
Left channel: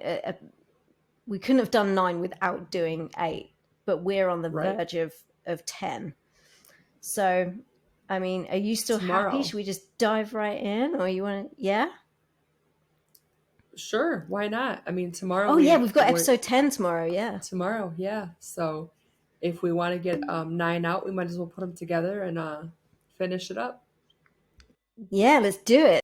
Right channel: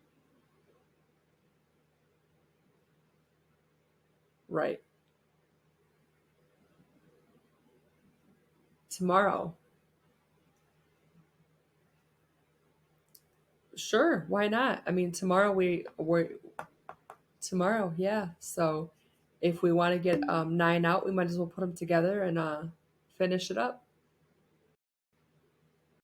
we couldn't have done 9 without doing 8, but we're on the Right. verge of 10. So, I mean, are you still Tomorrow. happy? Should we just dive right in, or you want to? Yeah. Sure, why not? I mean, tomorrow. Oh yeah, we've got episode 10 tomorrow. Yeah. Tomorrow, yeah. So, if we want to get 9 out, we might as well put them together and finish it up. Yeah, let's do it.